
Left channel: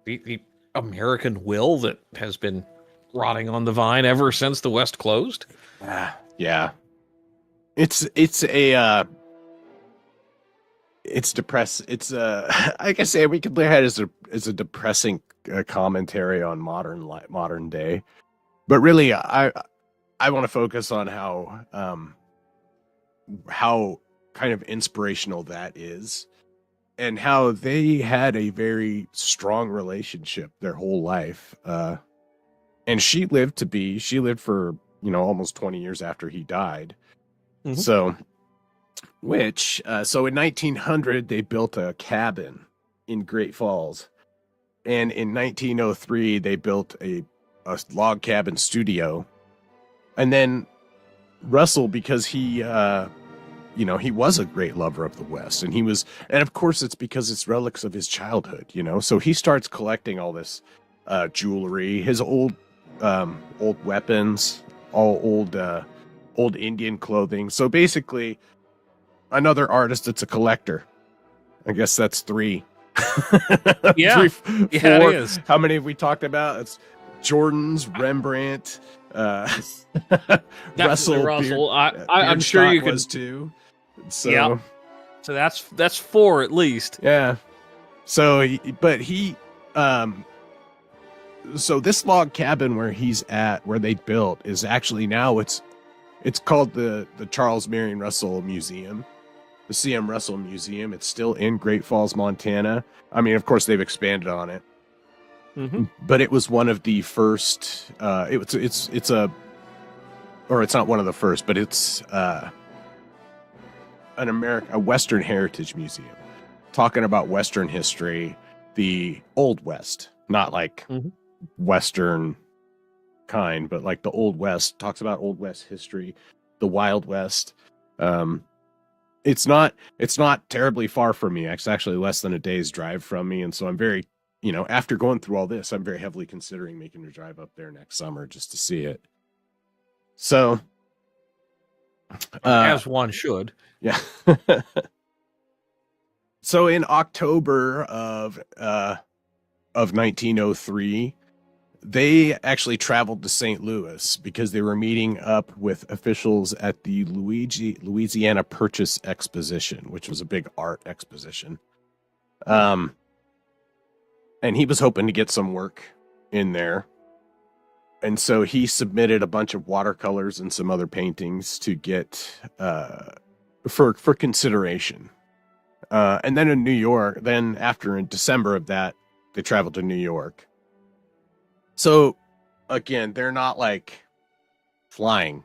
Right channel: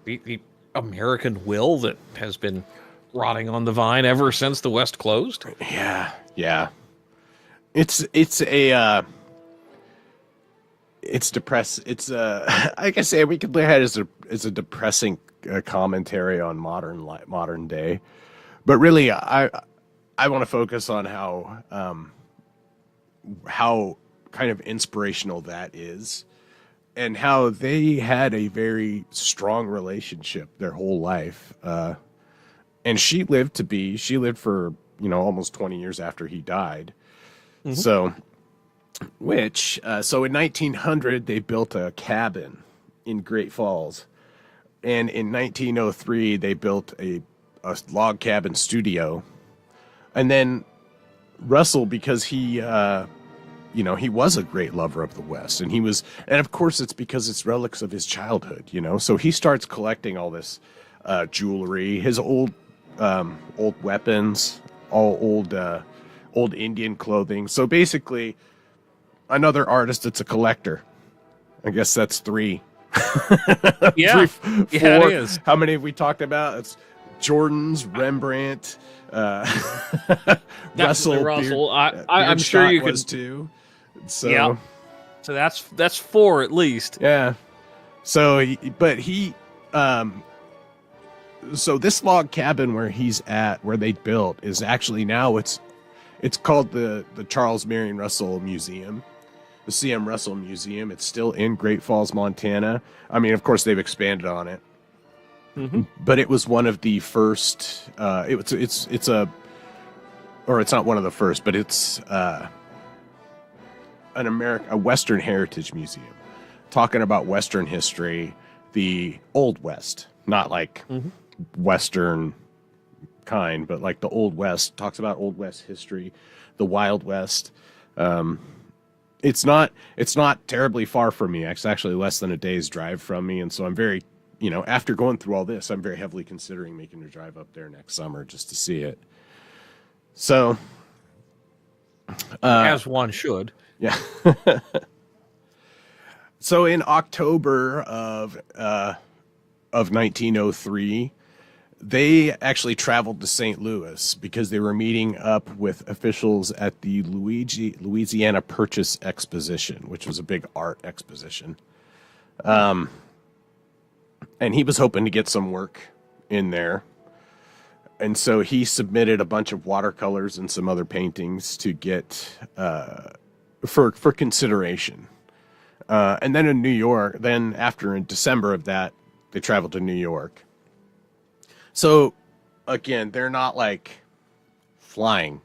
the American will that has been rotting on the vine ever since the West closed. Yeah. It's depressing. It's like I say, we could look at it as a depressing commentary on modern day, but really, I want to focus on how kind of inspirational that is, and how they had a very strong relationship their whole life. And she lived for, almost 20 years after he died. Mm-hmm. So in 1900, they built a cabin in Great Falls. And in 1903, they built a log cabin studio. And then Russell, because he was a great lover of the West, and of course it's because it's relics of his childhood, so he starts collecting all this jewelry, his old weapons, all old Indian clothing. So basically, another artist that's a collector. I guess that's three. Yeah, four. It is. How many have we talked about? It's Jordan's, Rembrandt, Russell. I'm sure you could too. So, yeah. So that's four at least. Yeah. So, but he, so this log cabin where they built is actually now it's called the Charles Marion Russell Museum, the C.M. Russell Museum. It's still in Great Falls, Montana. I mean, of course, they've expanded on it. Mm-hmm. But it was one of the first. It's not one of the first, but it's a Western Heritage Museum, talking about Western history, the Old West, not like Western kind, but like the Old West. Talks about Old West history, the Wild West. It's not terribly far from me. It's actually less than a day's drive from me, and so I'm very, after going through all this, I'm very heavily considering making a drive up there next summer just to see it. So, as one should. Yeah. So in October of 1903, they actually traveled to St. Louis because they were meeting up with officials at the Louisiana Purchase Exposition, which was a big art exposition. And he was hoping to get some work in there. And so he submitted a bunch of watercolors and some other paintings to get for consideration. And then in New York, in December of that, they traveled to New York. So, again, they're not like flying,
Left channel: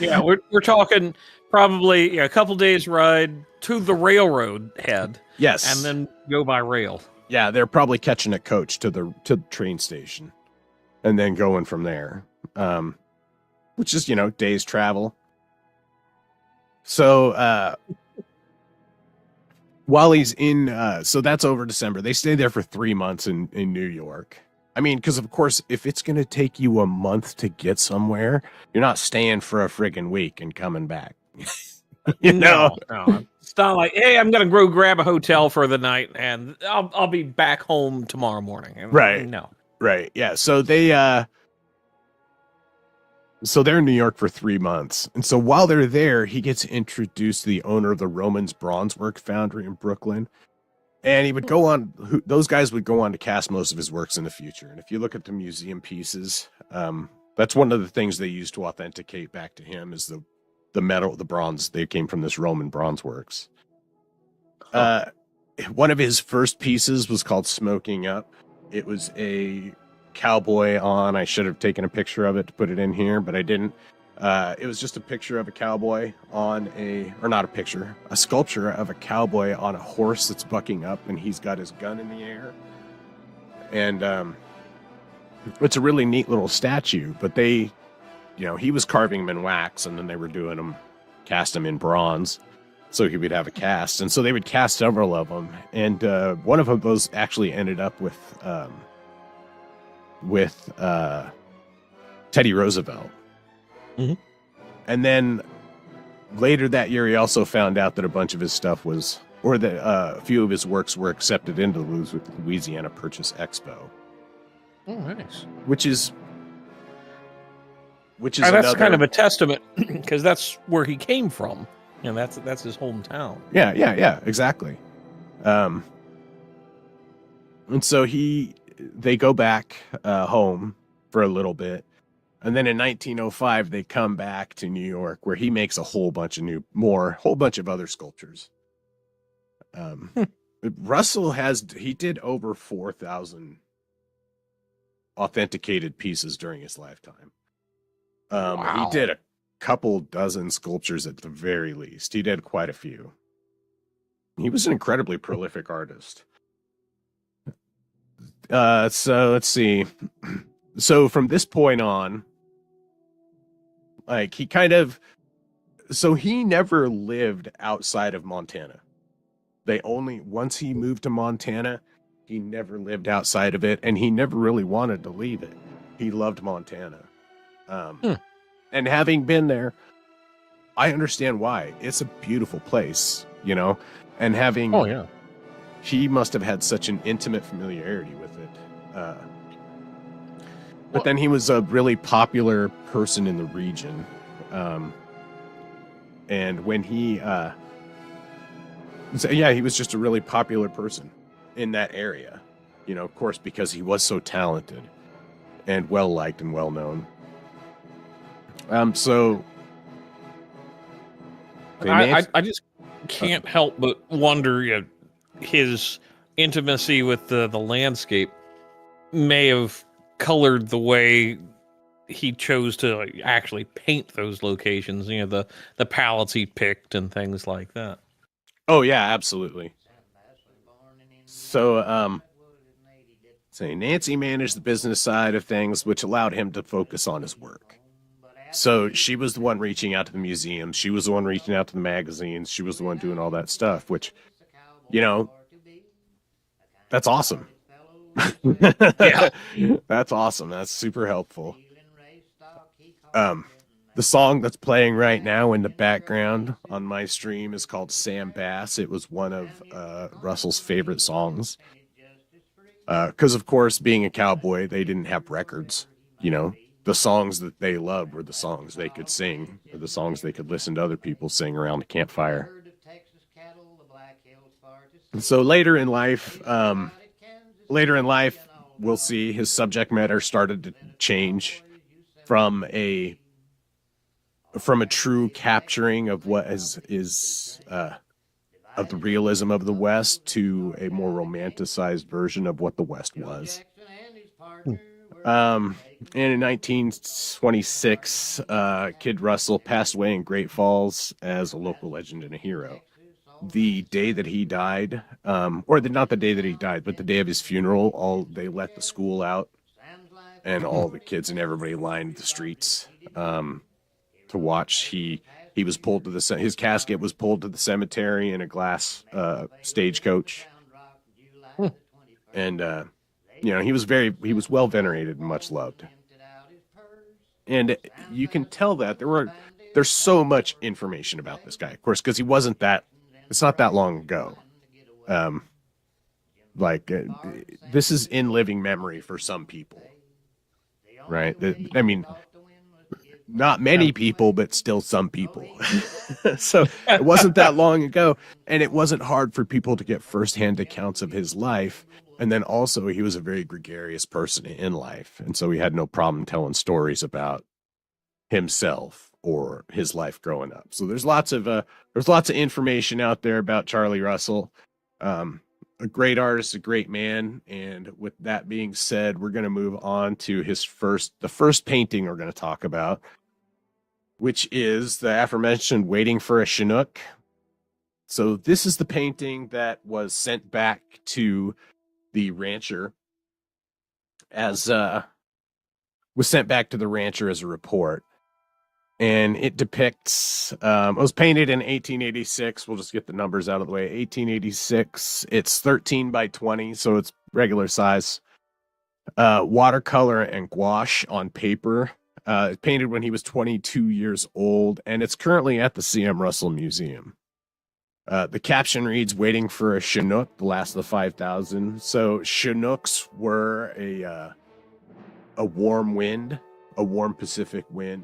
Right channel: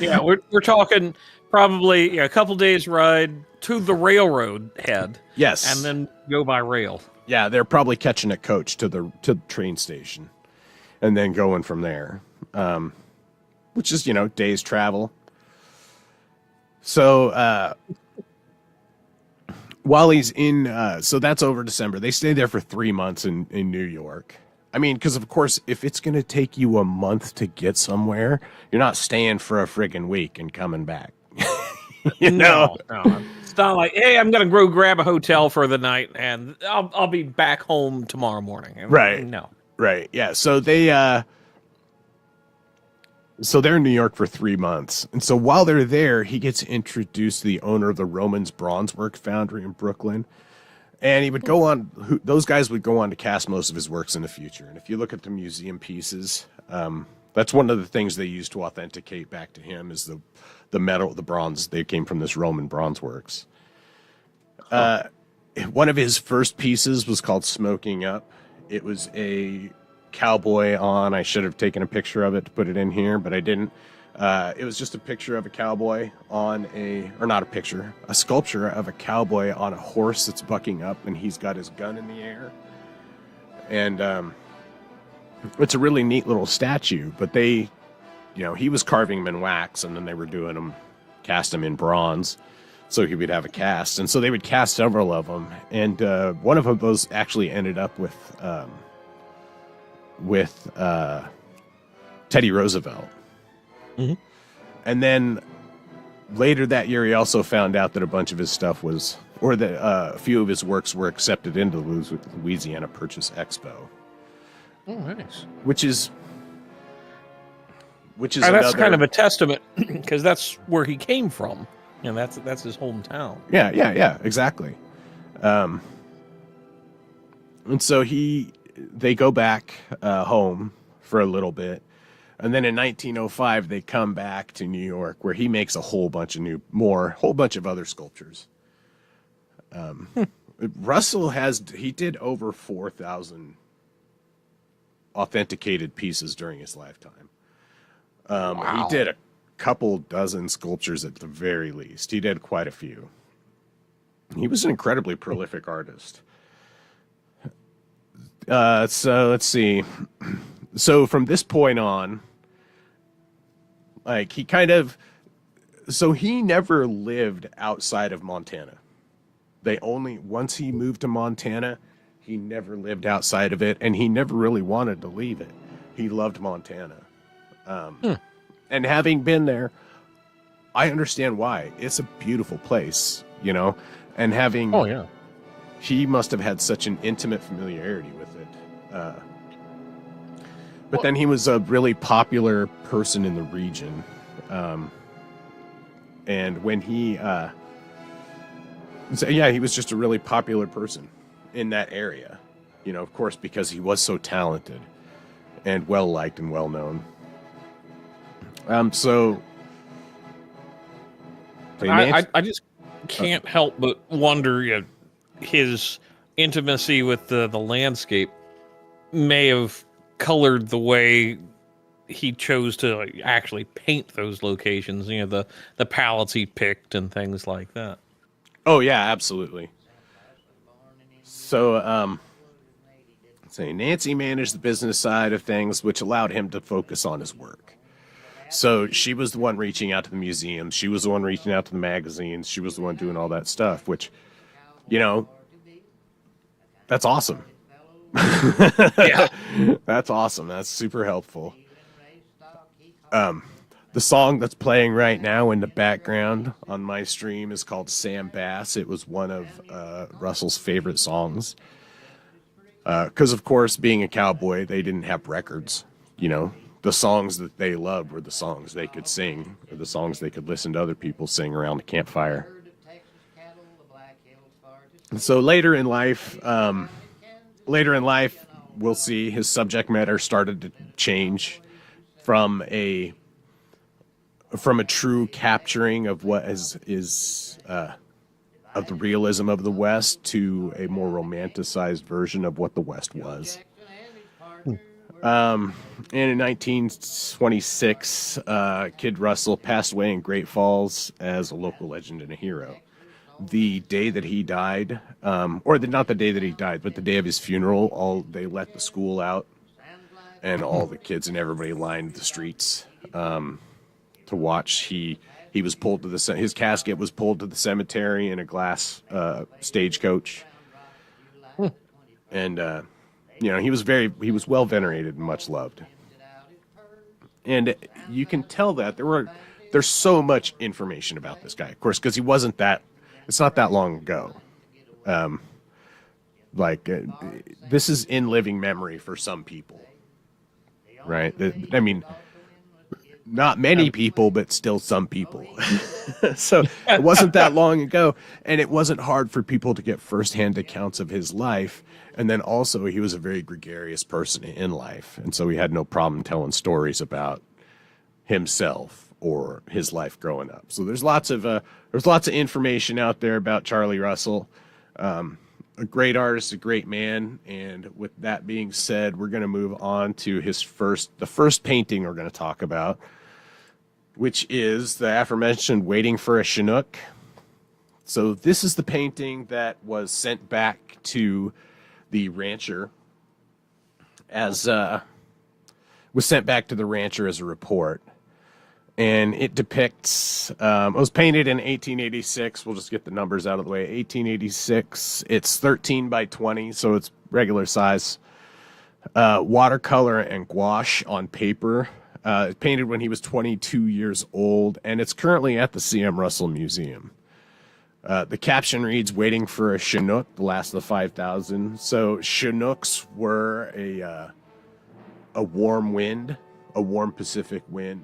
Yeah, we're talking probably a couple days ride to the railroad head. Yes. And then go by rail. Yeah, they're probably catching a coach to the train station and then going from there, which is, days travel. So, while he's in, so that's over December. They stay there for 3 months in New York. I mean, because of course, if it's going to take you a month to get somewhere, you're not staying for a friggin' week and coming back. No. It's not like, hey, I'm going to go grab a hotel for the night and I'll be back home tomorrow morning. Right. No. Right. Yeah. So they're in New York for 3 months. And so while they're there, he gets introduced to the owner of the Romans Bronzework Foundry in Brooklyn. And he would go on, those guys would go on to cast most of his works in the future. And if you look at the museum pieces, that's one of the things they used to authenticate back to him is the metal, the bronze. They came from this Roman bronze works. One of his first pieces was called Smoking Up. It was a cowboy on. I should have taken a picture of it to put it in here, but I didn't. It was just a picture of a cowboy on a sculpture of a cowboy on a horse that's bucking up, and he's got his gun in the air. And it's a really neat little statue, but they, he was carving them in wax, and then they were cast them in bronze, so he would have a cast. And so they would cast several of them, and one of them, those actually ended up with Teddy Roosevelt. Mm-hmm. And then later that year, he also found out that a bunch of his stuff that a few of his works were accepted into the Louisiana Purchase Expo. Oh, nice. Which is that's kind of a testament because that's where he came from, and that's his hometown. Yeah, exactly. And so they go back home for a little bit, and then in 1905 they come back to New York, where he makes a whole bunch of other sculptures. Russell did over 4,000 authenticated pieces during his lifetime. Wow. He did a couple dozen sculptures at the very least. He did quite a few. He was an incredibly prolific artist. So let's see. So from this point on, like he never lived outside of Montana. Once he moved to Montana, he never lived outside of it, and he never really wanted to leave it. He loved Montana. And having been there, I understand why. It's a beautiful place, and having, oh yeah, he must have had such an intimate familiarity with it. But then he was a really popular person in the region. And when he was just a really popular person in that area, of course, because he was so talented and well-liked and well-known. So I just can't help but wonder, his intimacy with the landscape may have colored the way he chose to actually paint those locations, the palettes he picked and things like that. Oh yeah, absolutely. So Nancy managed the business side of things, which allowed him to focus on his work. So she was the one reaching out to the museums. She was the one reaching out to the magazines. She was the one doing all that stuff, which, you know, that's awesome. Yeah. That's awesome. That's super helpful. The song that's playing right now in the background on my stream is called Sam Bass. It was one of Russell's favorite songs. Because, of course, being a cowboy, they didn't have records. You know, the songs that they loved were the songs they could sing, or the songs they could listen to other people sing around the campfire. And so later in life, we'll see his subject matter started to change from a true capturing of what is of the realism of the West to a more romanticized version of what the West was. And in 1926, Kid Russell passed away in Great Falls as a local legend and a hero. The day that he died, not the day that he died, but the day of his funeral, they let the school out, and all the kids and everybody lined the streets to watch. He was pulled to his casket was pulled to the cemetery in a glass stagecoach, and you know, he was well venerated and much loved. And you can tell that there's so much information about this guy, of course, because it's not that long ago. This is in living memory for some people, right? I mean, not many people, but still some people. So it wasn't that long ago, and it wasn't hard for people to get firsthand accounts of his life. And then also, he was a very gregarious person in life, and so he had no problem telling stories about himself or his life growing up. So there's lots of information out there about Charlie Russell. A great artist, a great man. And with that being said, we're going to move on to the first painting we're going to talk about, which is the aforementioned Waiting for a Chinook. So this is the painting that was sent back to the rancher as a report. And it depicts, it was painted in 1886. We'll just get the numbers out of the way. 1886. It's 13 by 20, so it's regular size. Watercolor and gouache on paper. Painted when he was 22 years old, and it's currently at the C.M. Russell Museum. The caption reads, "Waiting for a Chinook, the last of the 5,000. So Chinooks were a warm wind, a warm Pacific wind.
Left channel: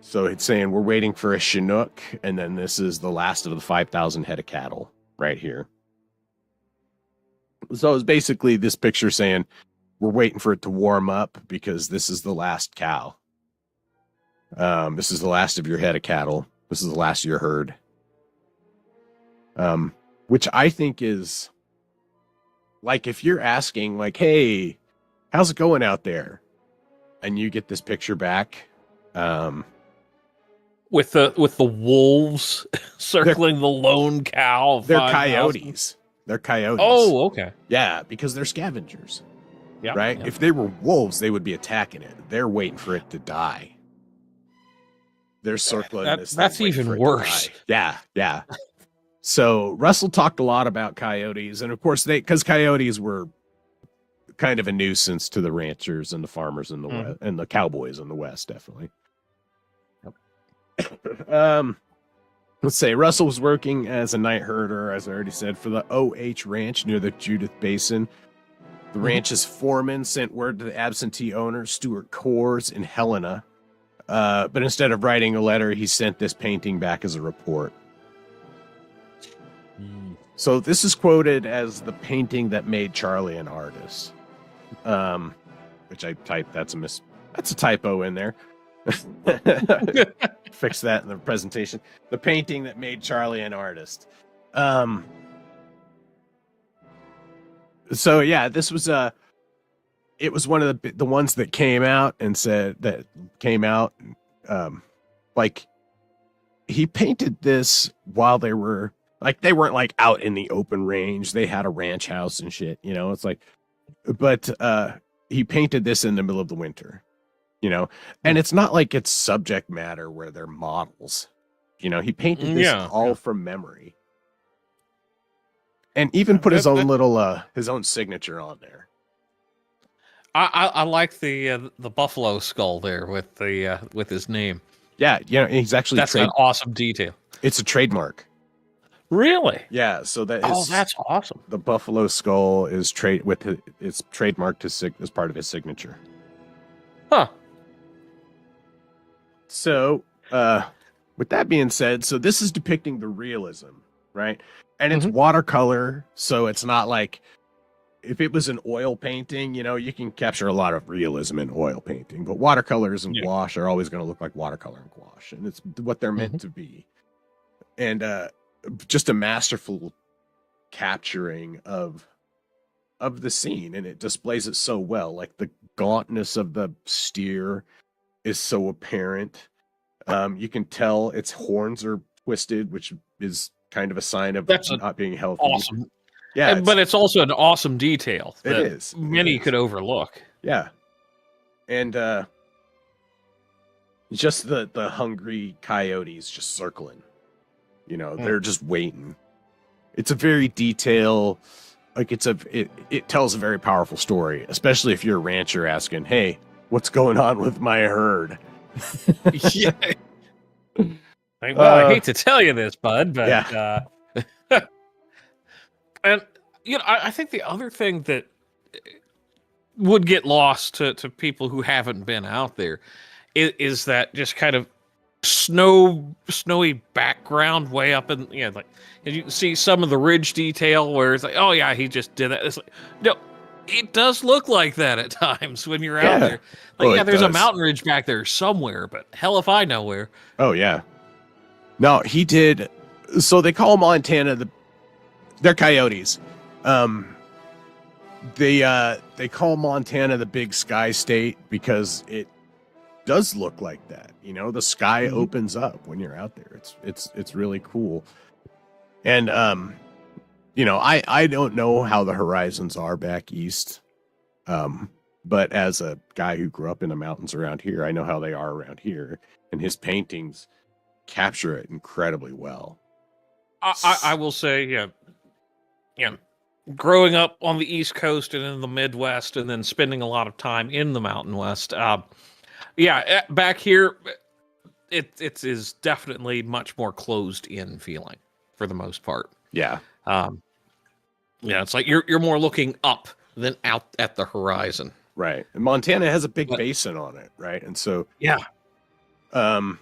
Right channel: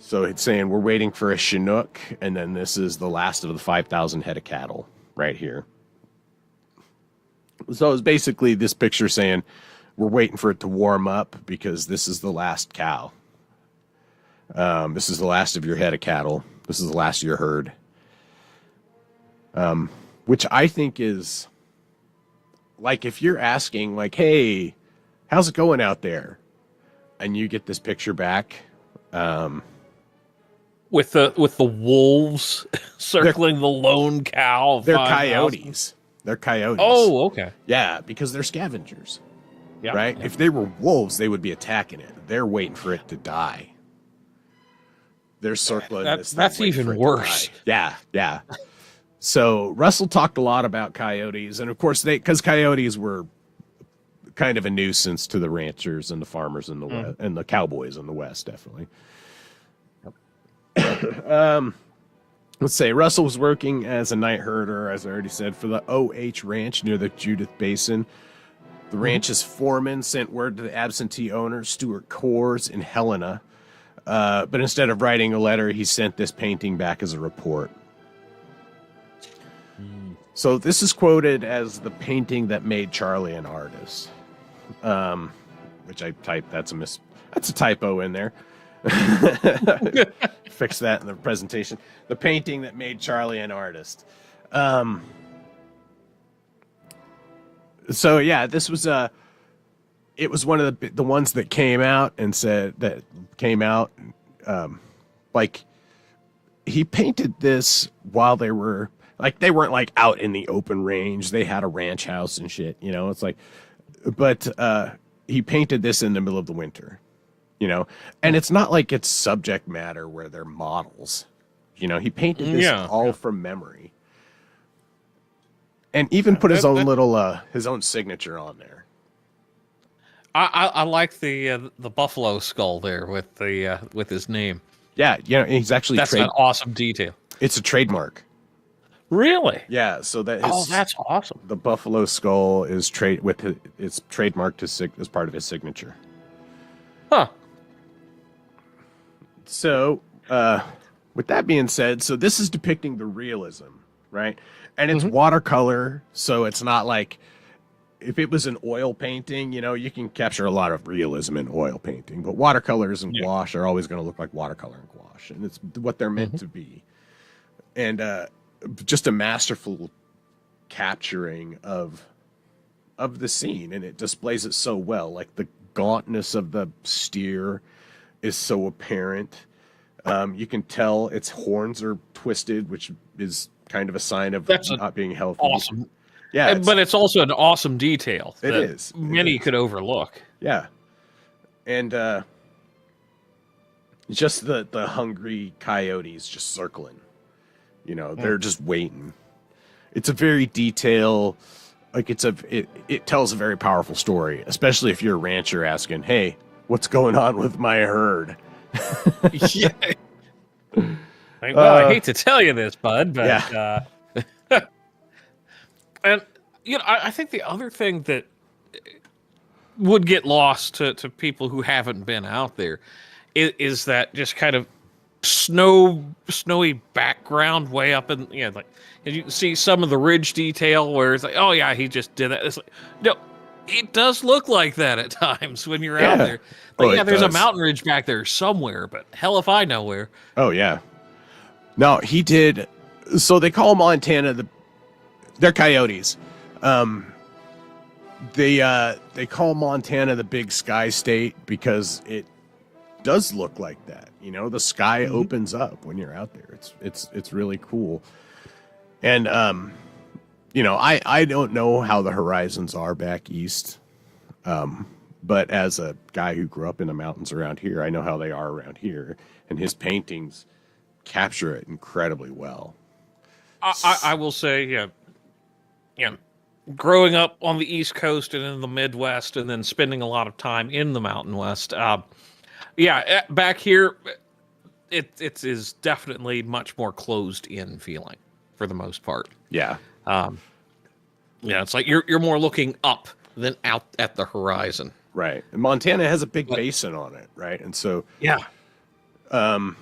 So it's saying we're waiting for a Chinook, and then this is the last of the 5,000 head of cattle right here. So it's basically this picture saying we're waiting for it to warm up because this is the last cow. This is the last of your head of cattle. This is the last of your herd. Which I think is, like, if you're asking, like, hey, how's it going out there? And you get this picture back, with the wolves circling the lone cow. They're coyotes. They're coyotes. Oh, okay. Yeah, because they're scavengers. Yeah. Right? Yeah. If they were wolves, they would be attacking it. They're waiting for it to die. They're circling. That's even worse. Yeah, yeah. So Russell talked a lot about coyotes, and of course because coyotes were kind of a nuisance to the ranchers and the farmers in the West, and the cowboys in the West, definitely. Let's say Russell was working as a night herder, as I already said, for the O.H. Ranch near the Judith Basin. The ranch's foreman sent word to the absentee owner, Stuart Coors, in Helena. But instead of writing a letter, he sent this painting back as a report. So this is quoted as the painting that made Charlie an artist. Which I typed, that's a typo in there. Fix that in the presentation. The painting that made Charlie an artist. So yeah, this was it was one of the ones that came out and said that came out. Like he painted this while they weren't like out in the open range. They had a ranch house and shit, you know. It's like, but he painted this in the middle of the winter. you know, and it's not like it's subject matter where they're models. You know, he painted this all from memory, and even put his own little his own signature on there. I like the buffalo skull there with his name. Yeah, he's actually that's an awesome detail. It's a trademark. Really? Yeah, so that that's awesome. The buffalo skull is trademarked as part of his signature. Huh. So, with that being said, so this is depicting the realism, right? And it's watercolor, so it's not like if it was an oil painting, you can capture a lot of realism in oil painting, but watercolors and gouache are always going to look like watercolor and gouache, and it's what they're meant to be. And just a masterful capturing of the scene, and it displays it so well. Like the gauntness of the steer is so apparent. You can tell its horns are twisted, which is kind of a sign of not being healthy. Awesome. Yeah, but it's also an awesome detail that many could overlook. Yeah. And just the hungry coyotes just circling. They're just waiting. It's a very detailed, like it tells a very powerful story, especially if you're a rancher asking, "Hey, what's going on with my herd?" Yeah. Well, I hate to tell you this, bud, but and I think the other thing that would get lost to people who haven't been out there is that just kind of snowy background way up in like you can see some of the ridge detail where it's like, oh yeah, he just did that. It's like, no, it does look like that at times when you're out there. Like, there's a mountain ridge back there somewhere, but hell if I know where. Oh yeah. No, he did. So they call Montana they're coyotes. They call Montana the Big Sky State because it does look like that. The sky opens up when you're out there. It's really cool. And I don't know how the horizons are back east. But as a guy who grew up in the mountains around here, I know how they are around here, and his paintings capture it incredibly well. I will say, growing up on the East Coast and in the Midwest, and then spending a lot of time in the Mountain West, back here, it is definitely much more closed in feeling for the most part. Yeah. It's like you're more looking up than out at the horizon. Right. And Montana has a big basin on it, right? And so all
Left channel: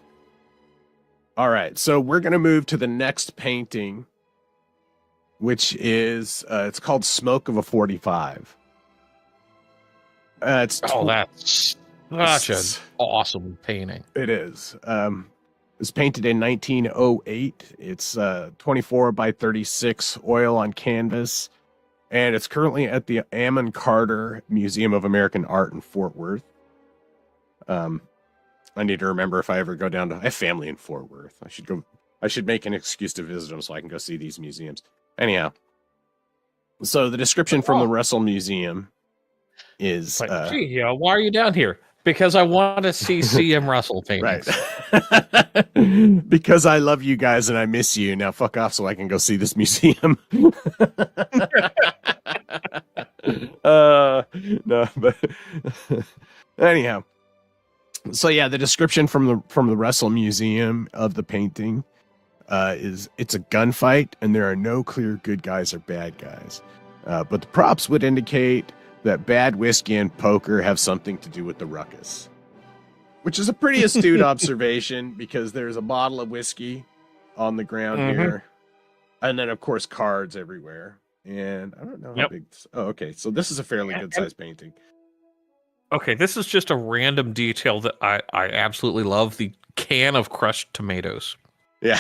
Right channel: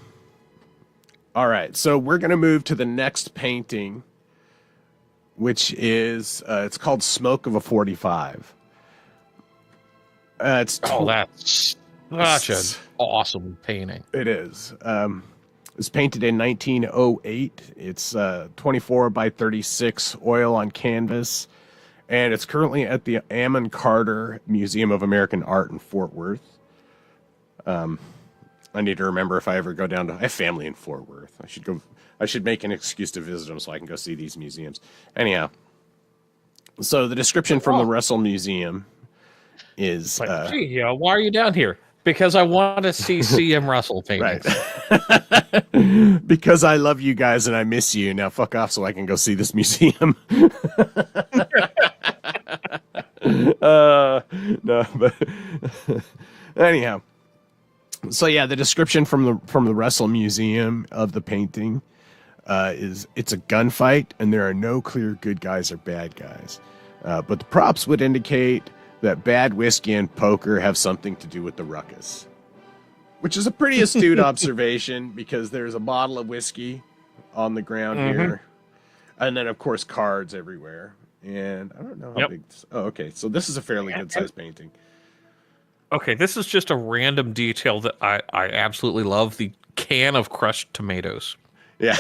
right, so we're going to move to the next painting, which is it's called Smoke of a 45. That's such an awesome painting. It is. It was painted in 1908. It's 24 by 36 oil on canvas, and it's currently at the Ammon Carter Museum of American Art in Fort Worth. I need to remember if I ever go down to. I have family in Fort Worth. I should make an excuse to visit them so I can go see these museums. Anyhow, so the description from the Russell Museum is... why are you down here? Because I want to see C.M. Russell paintings. Right. Because I love you guys and I miss you. Now fuck off so I can go see this museum. No, but... Anyhow. So yeah, the description from the Russell Museum of the painting is it's a gunfight and there are no clear good guys or bad guys. But the props would indicate that bad whiskey and poker have something to do with the ruckus. Which is a pretty astute observation because there's a bottle of whiskey on the ground here. And then of course cards everywhere. And I don't know how big... Oh, okay. So this is a fairly good sized painting. Okay, this is just a random detail that I absolutely love. The can of crushed tomatoes. Yeah.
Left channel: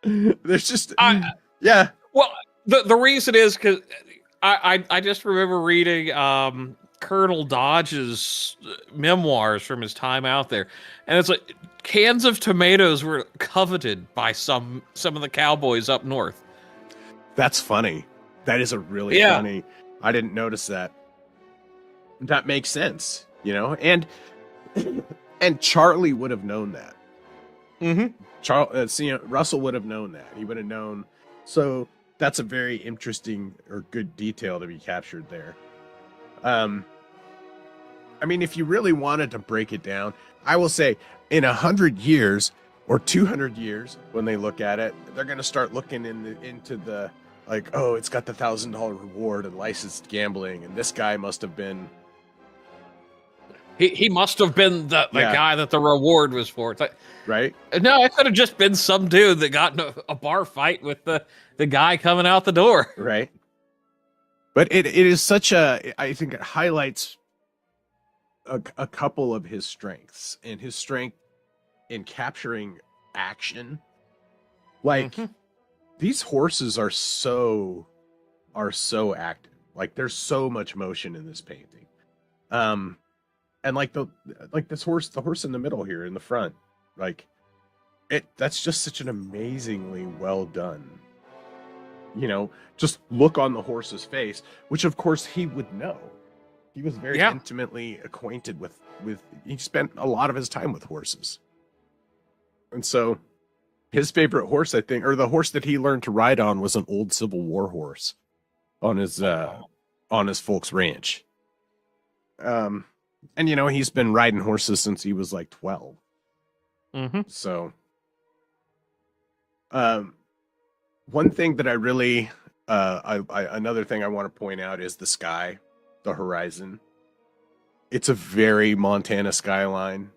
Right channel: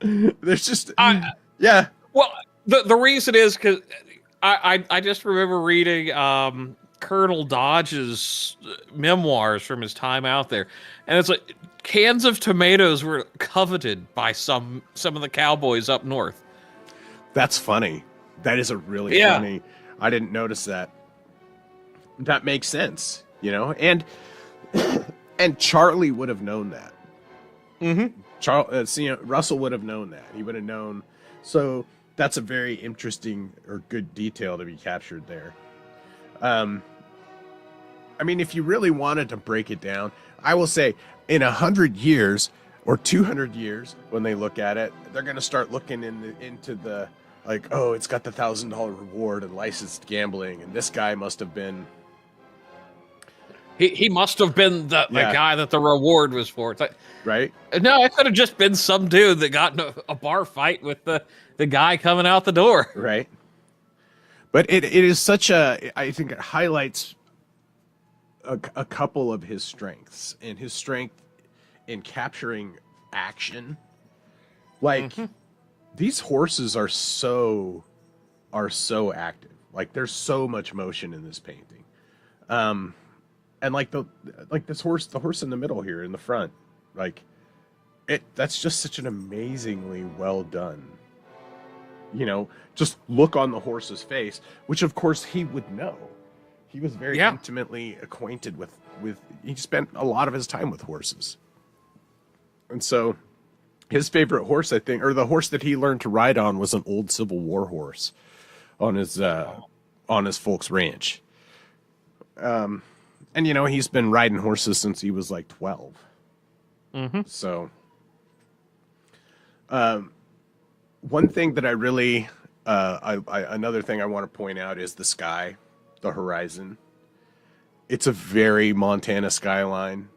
There's just... Well, the reason is because I just remember reading Colonel Dodge's memoirs from his time out there. And it's like cans of tomatoes were coveted by some of the cowboys up north. That's funny. That is a really funny... I didn't notice that. That makes sense, And And Charlie would have known that. Mm-hmm. Russell would have known that. He would have known. So that's a very interesting or good detail to be captured there. I mean, if you really wanted to break it down, I will say in 100 years or 200 years, when they look at it, they're going to start looking into the, like, oh, it's got the $1,000 reward and licensed gambling, and this guy must have been... He must have been the guy that the reward was for. It's like, right? No, it could have just been some dude that got in a bar fight with the guy coming out the door. Right. But it is such a... I think it highlights a couple of his strengths, and his strength in capturing action. Like, these horses are so active. Like, there's so much motion in this painting. And this horse, the horse in the middle here in the front, like, that's just such an amazingly well done. You know, just look on the horse's face, which of course he would know. He was very intimately acquainted with, he spent a lot of his time with horses. And so his favorite horse, I think, or the horse that he learned to ride on, was an old Civil War horse on his folks' ranch. And, you know, he's been riding horses since he was like 12. Mm-hmm. So, one thing that I really, another thing I want to point out is the sky, the horizon. It's a very Montana skyline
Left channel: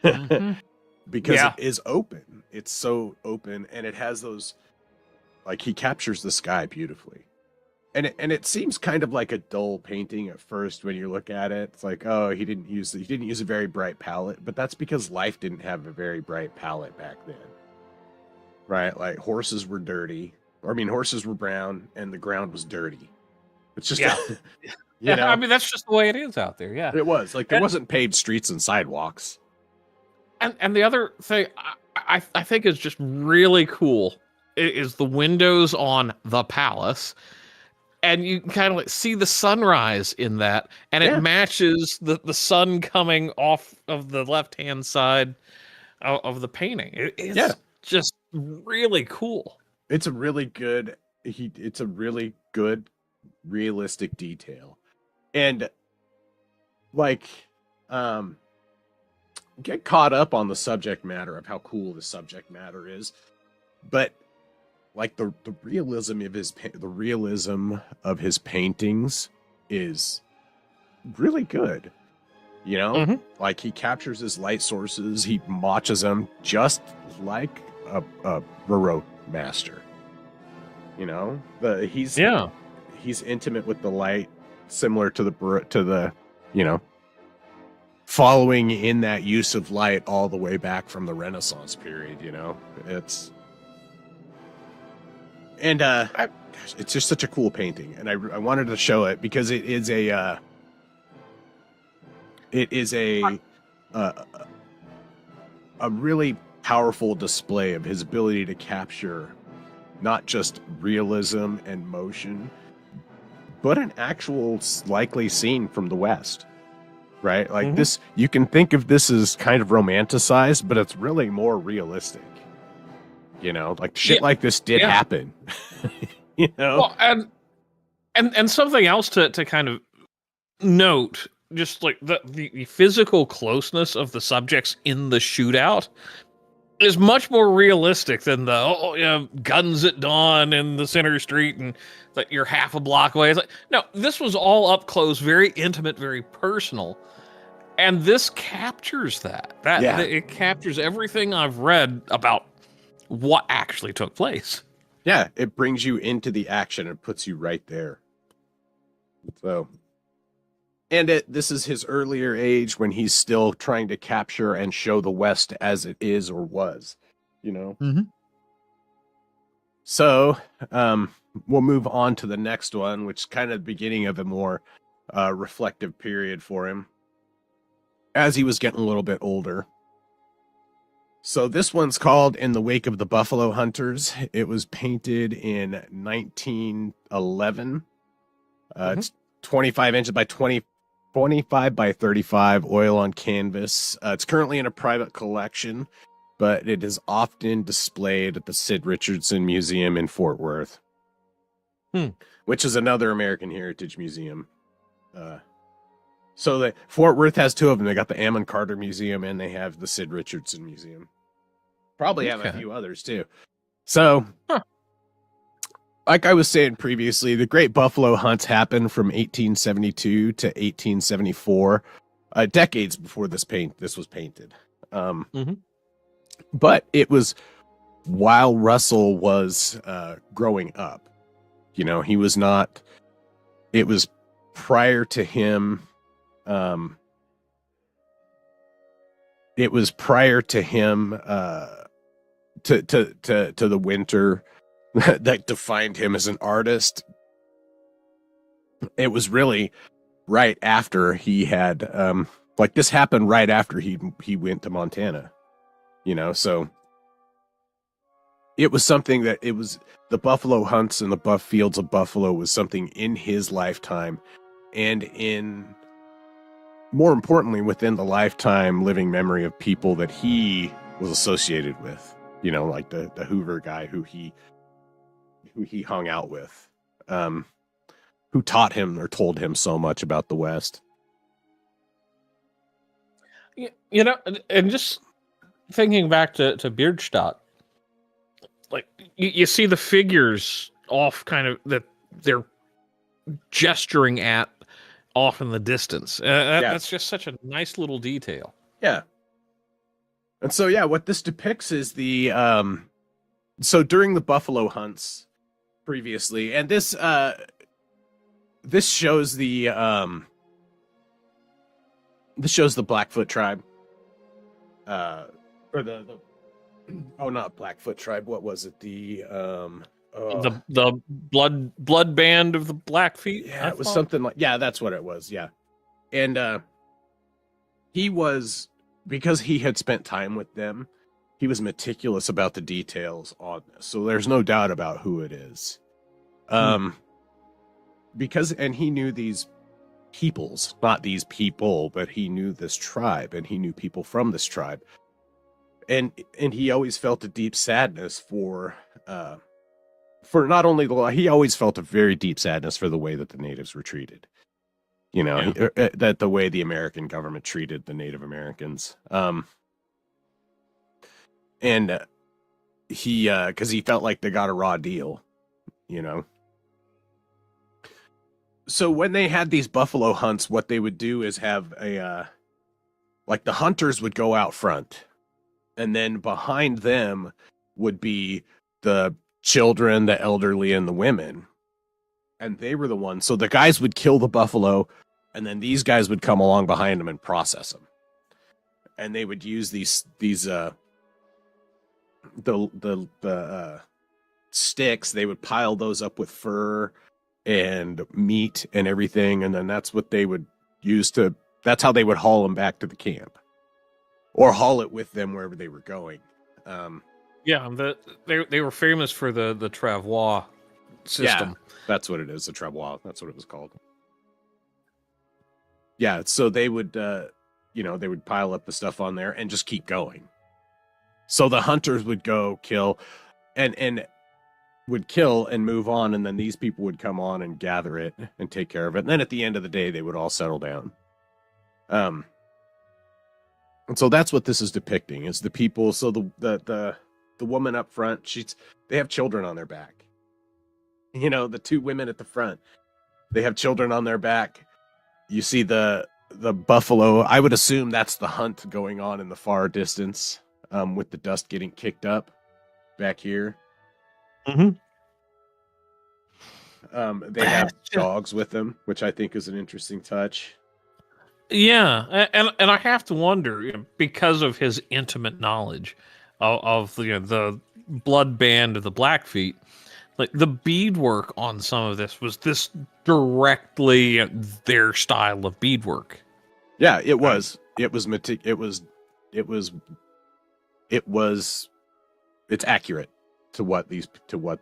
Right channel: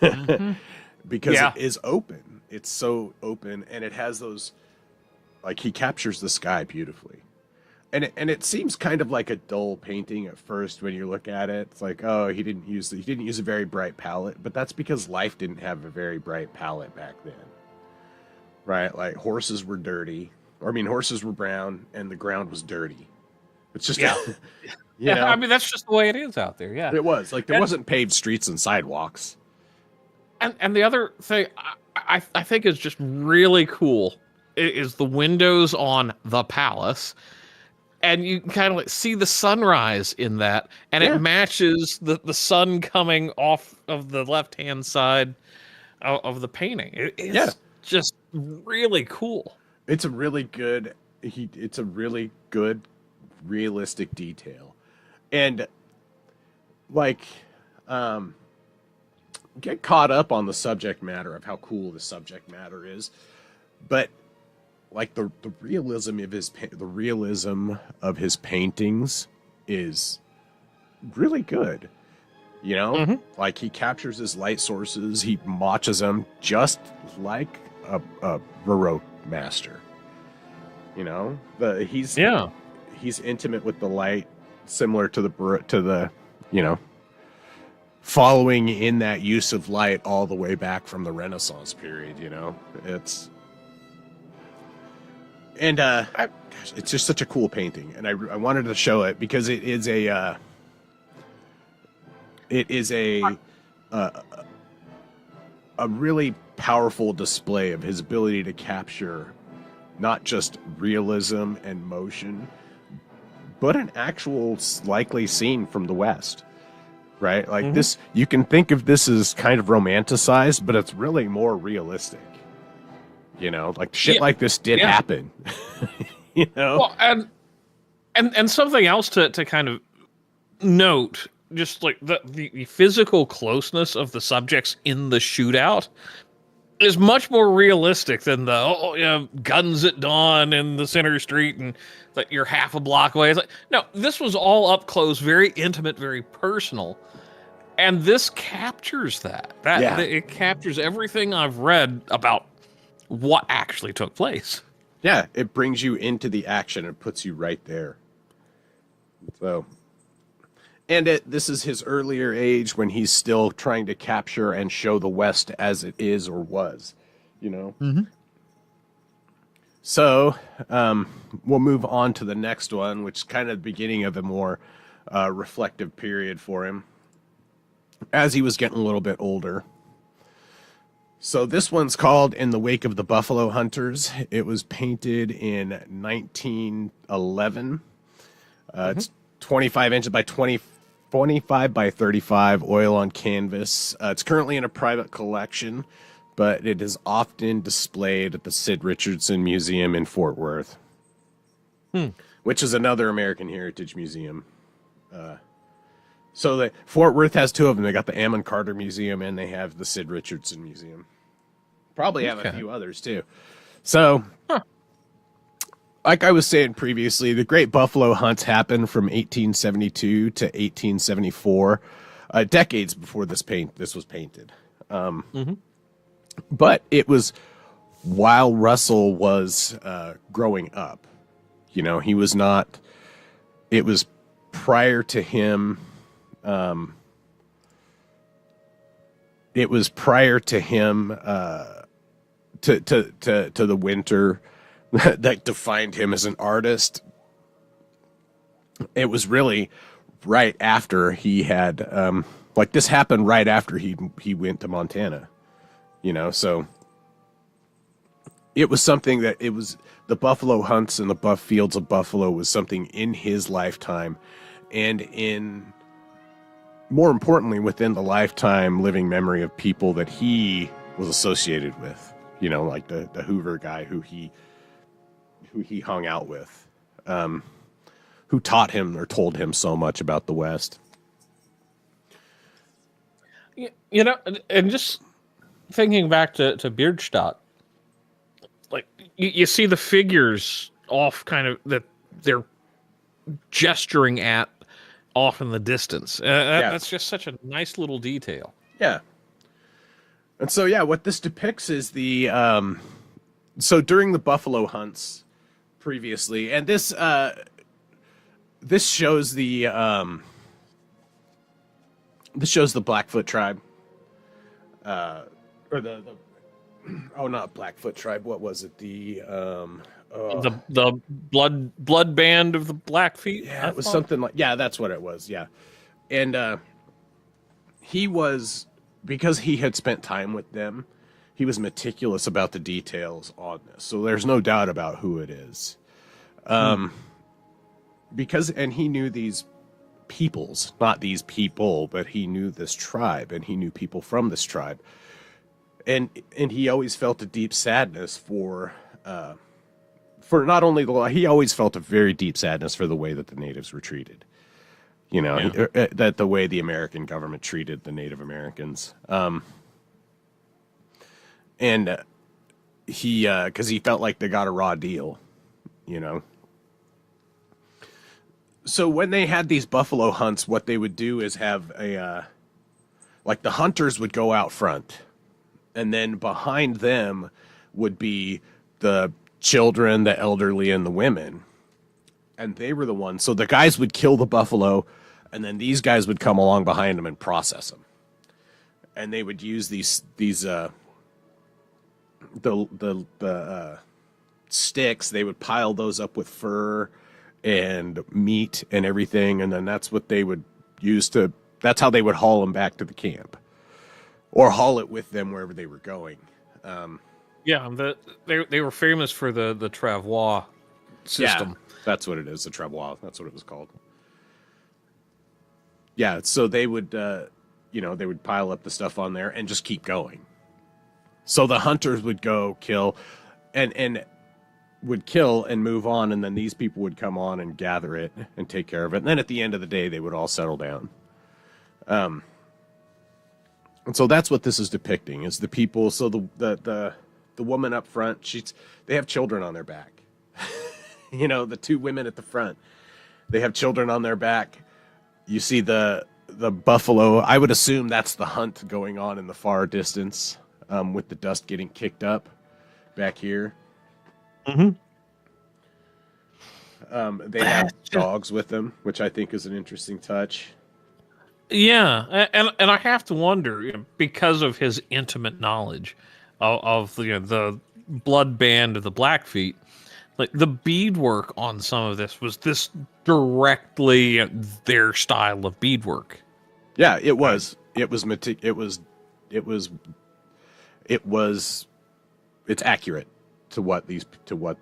because it is open. It's so open, and it has those, like, he captures the sky beautifully. And it seems kind of like a dull painting at first when you look at it. It's like, oh, he didn't use a very bright palette, but that's because life didn't have a very bright palette back then. Right? Like, horses were dirty. Or, I mean, horses were brown and the ground was dirty. It's just you know? I mean, that's just the way it is out there. Yeah, it was like there wasn't paved streets and sidewalks. And the other thing I think is just really cool is the windows on the palace. And you can kind of like see the sunrise in that, and it matches the sun coming off of the left-hand side of the painting. It's just really cool. It's a really good, realistic detail. And, like, get caught up on the subject matter of how cool the subject matter is, but like the realism of his paintings is really good. You know, like, he captures his light sources, he matches them just like a Baroque master. You know, he's intimate with the light, similar to the you know, following in that use of light all the way back from the Renaissance period. You know, it's just such a cool painting, and I wanted to show it because it is a really powerful display of his ability to capture not just realism and motion, but an actual likely scene from the West, right? Like this, you can think of this as kind of romanticized, but it's really more realistic. You know, like shit like this did happen. You know, well, and something else to kind of note, just like the physical closeness of the subjects in the shootout is much more realistic than the guns at dawn in the center street and that you're half a block away. It's like, no, this was all up close, very intimate, very personal, and this captures that. It captures everything I've read about what actually took place. Yeah, it brings you into the action and puts you right there. So, and this is his earlier age when he's still trying to capture and show the West as it is or was, you know? So, we'll move on to the next one, which is kind of the beginning of a more reflective period for him as he was getting a little bit older. So this one's called In the Wake of the Buffalo Hunters. It was painted in 1911. It's 25 inches by 20 25 by 35 oil on canvas. It's currently in a private collection, but it is often displayed at the Sid Richardson Museum in Fort Worth, which is another American Heritage Museum. So Fort Worth has two of them. They got the Ammon Carter Museum and they have the Sid Richardson Museum. Probably have a few others too. So, like I was saying previously, the Great Buffalo Hunts happened from 1872 to 1874, decades before this was painted. But it was while Russell was growing up. You know, he was not. It was prior to him. It was prior to him to the winter that defined him as an artist. It was really right after he had like this happened right after he went to Montana. You know, so it was something that it was the buffalo hunts and the buff fields of buffalo was something in his lifetime, and in more importantly within the lifetime living memory of people that he was associated with, you know, like the Hoover guy who he hung out with, who taught him or told him so much about the West. You know, and just thinking back to Bierstadt, like you see the figures off kind of that they're gesturing at off in the distance. That's just such a nice little detail. Yeah. And so, yeah, what this depicts is the, so during the buffalo hunts previously, and this shows the Blackfoot tribe, or not Blackfoot tribe. What was it? The blood band of the Blackfeet. Yeah, it was something like, yeah, that's what it was. Yeah. And, he was, because he had spent time with them, he was meticulous about the details on this. So there's no doubt about who it is. Because, and he knew these peoples, not these people, but he knew this tribe and he knew people from this tribe. And he always felt a deep sadness for not only he always felt a very deep sadness for the way that the natives were treated. You know, that the way the American government treated the Native Americans. And because he felt like they got a raw deal, you know. So when they had these buffalo hunts, what they would do is have like the hunters would go out front, and then behind them would be the children, the elderly, and the women. And they were the ones. So the guys would kill the buffalo, and then these guys would come along behind them and process them. And they would use these sticks. They would pile those up with fur and meat and everything, and then that's what they would use that's how they would haul them back to the camp, or haul it with them wherever they were going. They were famous for the travois system. Yeah, that's what it is, the travois. That's what it was called. Yeah, so they would, they would pile up the stuff on there and just keep going. So the hunters would go kill, and would kill and move on, and then these people would come on and gather it and take care of it. And then at the end of the day, they would all settle down. And so that's what this is depicting, is the people. So the woman up front, they have children on their back. You know, the two women at the front, they have children on their back. You see the buffalo. I would assume that's the hunt going on in the far distance, with the dust getting kicked up back here. Mm-hmm. They have dogs with them, which I think is an interesting touch. Yeah, and I have to wonder, you know, because of his intimate knowledge of the blood band of the Blackfeet, like the beadwork on some of this, was this directly their style of beadwork? Yeah, it was. It's accurate to what the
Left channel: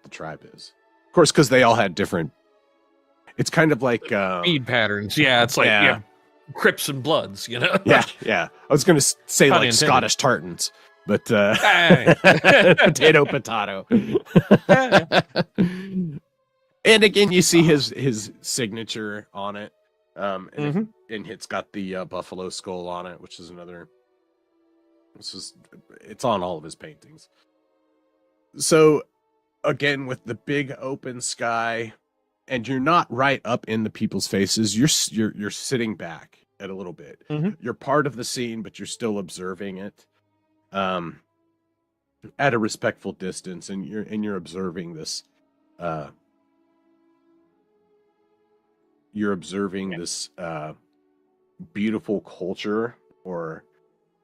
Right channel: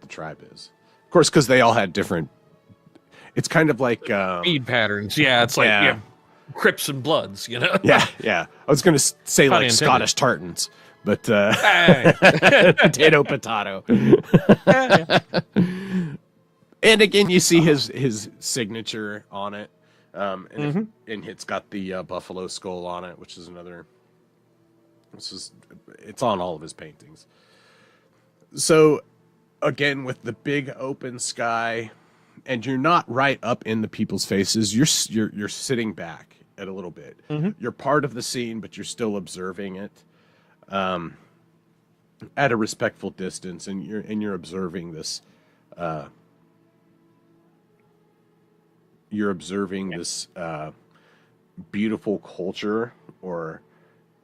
tribe is. Of course, because they all had different. It's kind of like bead patterns. Yeah, it's like Crips and Bloods, you know. Yeah, yeah. I was going to say Pun like intended. Scottish tartans, but Hey. potato, potato. Yeah. And again, you see his signature on it, and, Mhm. and it's got the buffalo skull on it, which is another. It's on all of his paintings. So again, with the big open sky, and you're not right up in the people's faces. You're sitting back a little bit. Mhm. You're part of the scene, but you're still observing it at a respectful distance, and you're observing this. You're observing this beautiful culture, or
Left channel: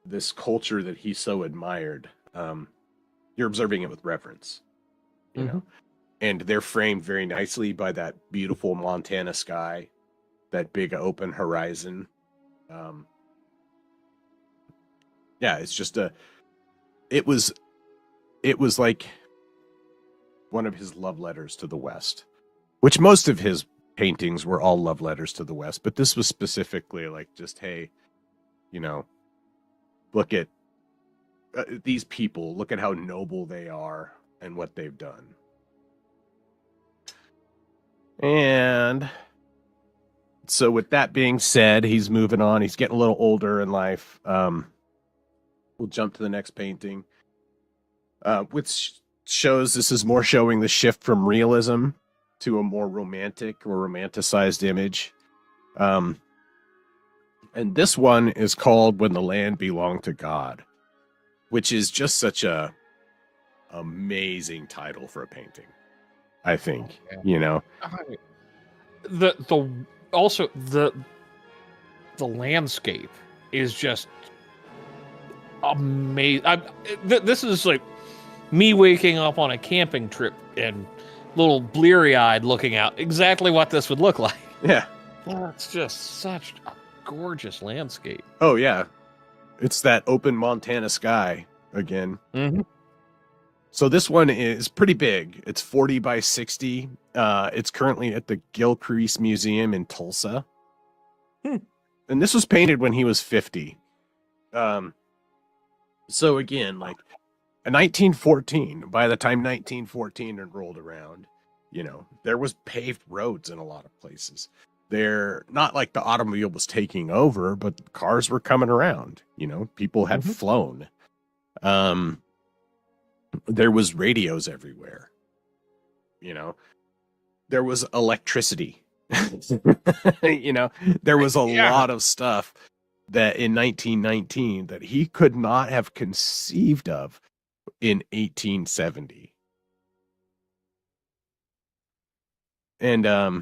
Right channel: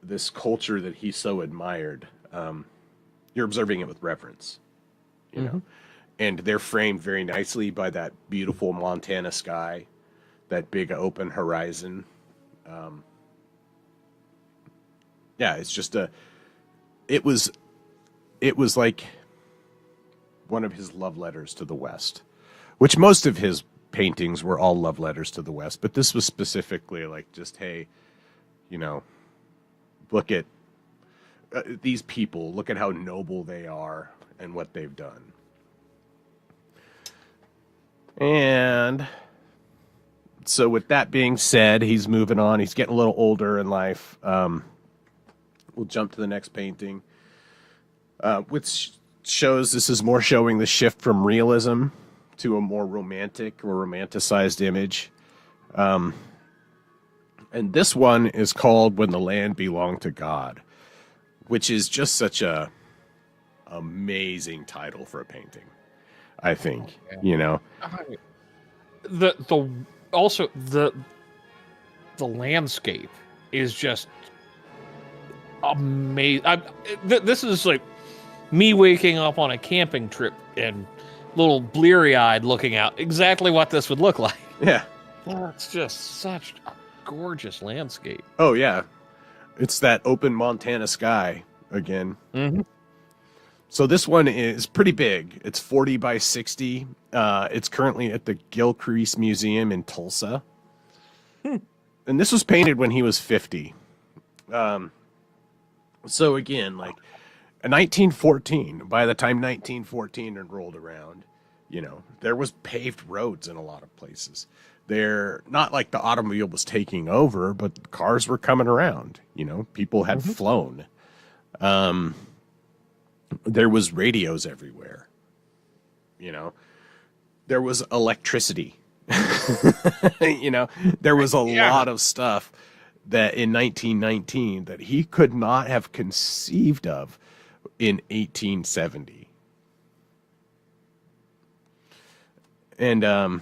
this culture that he so admired. You're observing it with reverence, you know? And they're framed very nicely by that beautiful Montana sky, that big open horizon. Yeah, it's just it was like one of his love letters to the West, which most of his paintings were all love letters to the West, but this was specifically like, just, hey, you know, look at these people, look at how noble they are and what they've done. And so with that being said, he's moving on. He's getting a little older in life. We'll jump to the next painting, which shows, this is more showing the shift from realism to a more romantic or romanticized image. And this one is called When the Land Belonged to God, which is just such a amazing title for a painting, I think. You know, the landscape is just amazing. This is like me waking up on a camping trip and little bleary-eyed looking out, exactly what this would look like. yeah. It's just such a gorgeous landscape. Oh yeah, it's that open Montana sky again. Mm-hmm. So this one is pretty big. It's 40 by 60. It's currently at the Gilcrease Museum in Tulsa. And this was painted when he was 50. So again, like in 1914, by the time 1914 had rolled around, you know, there was paved roads in a lot of places. They're not like the automobile was taking over, but cars were coming around. You know, people had flown. There was radios everywhere. You know, there was electricity. You know, there was a lot of stuff that in 1919 that he could not have conceived of in 1870. And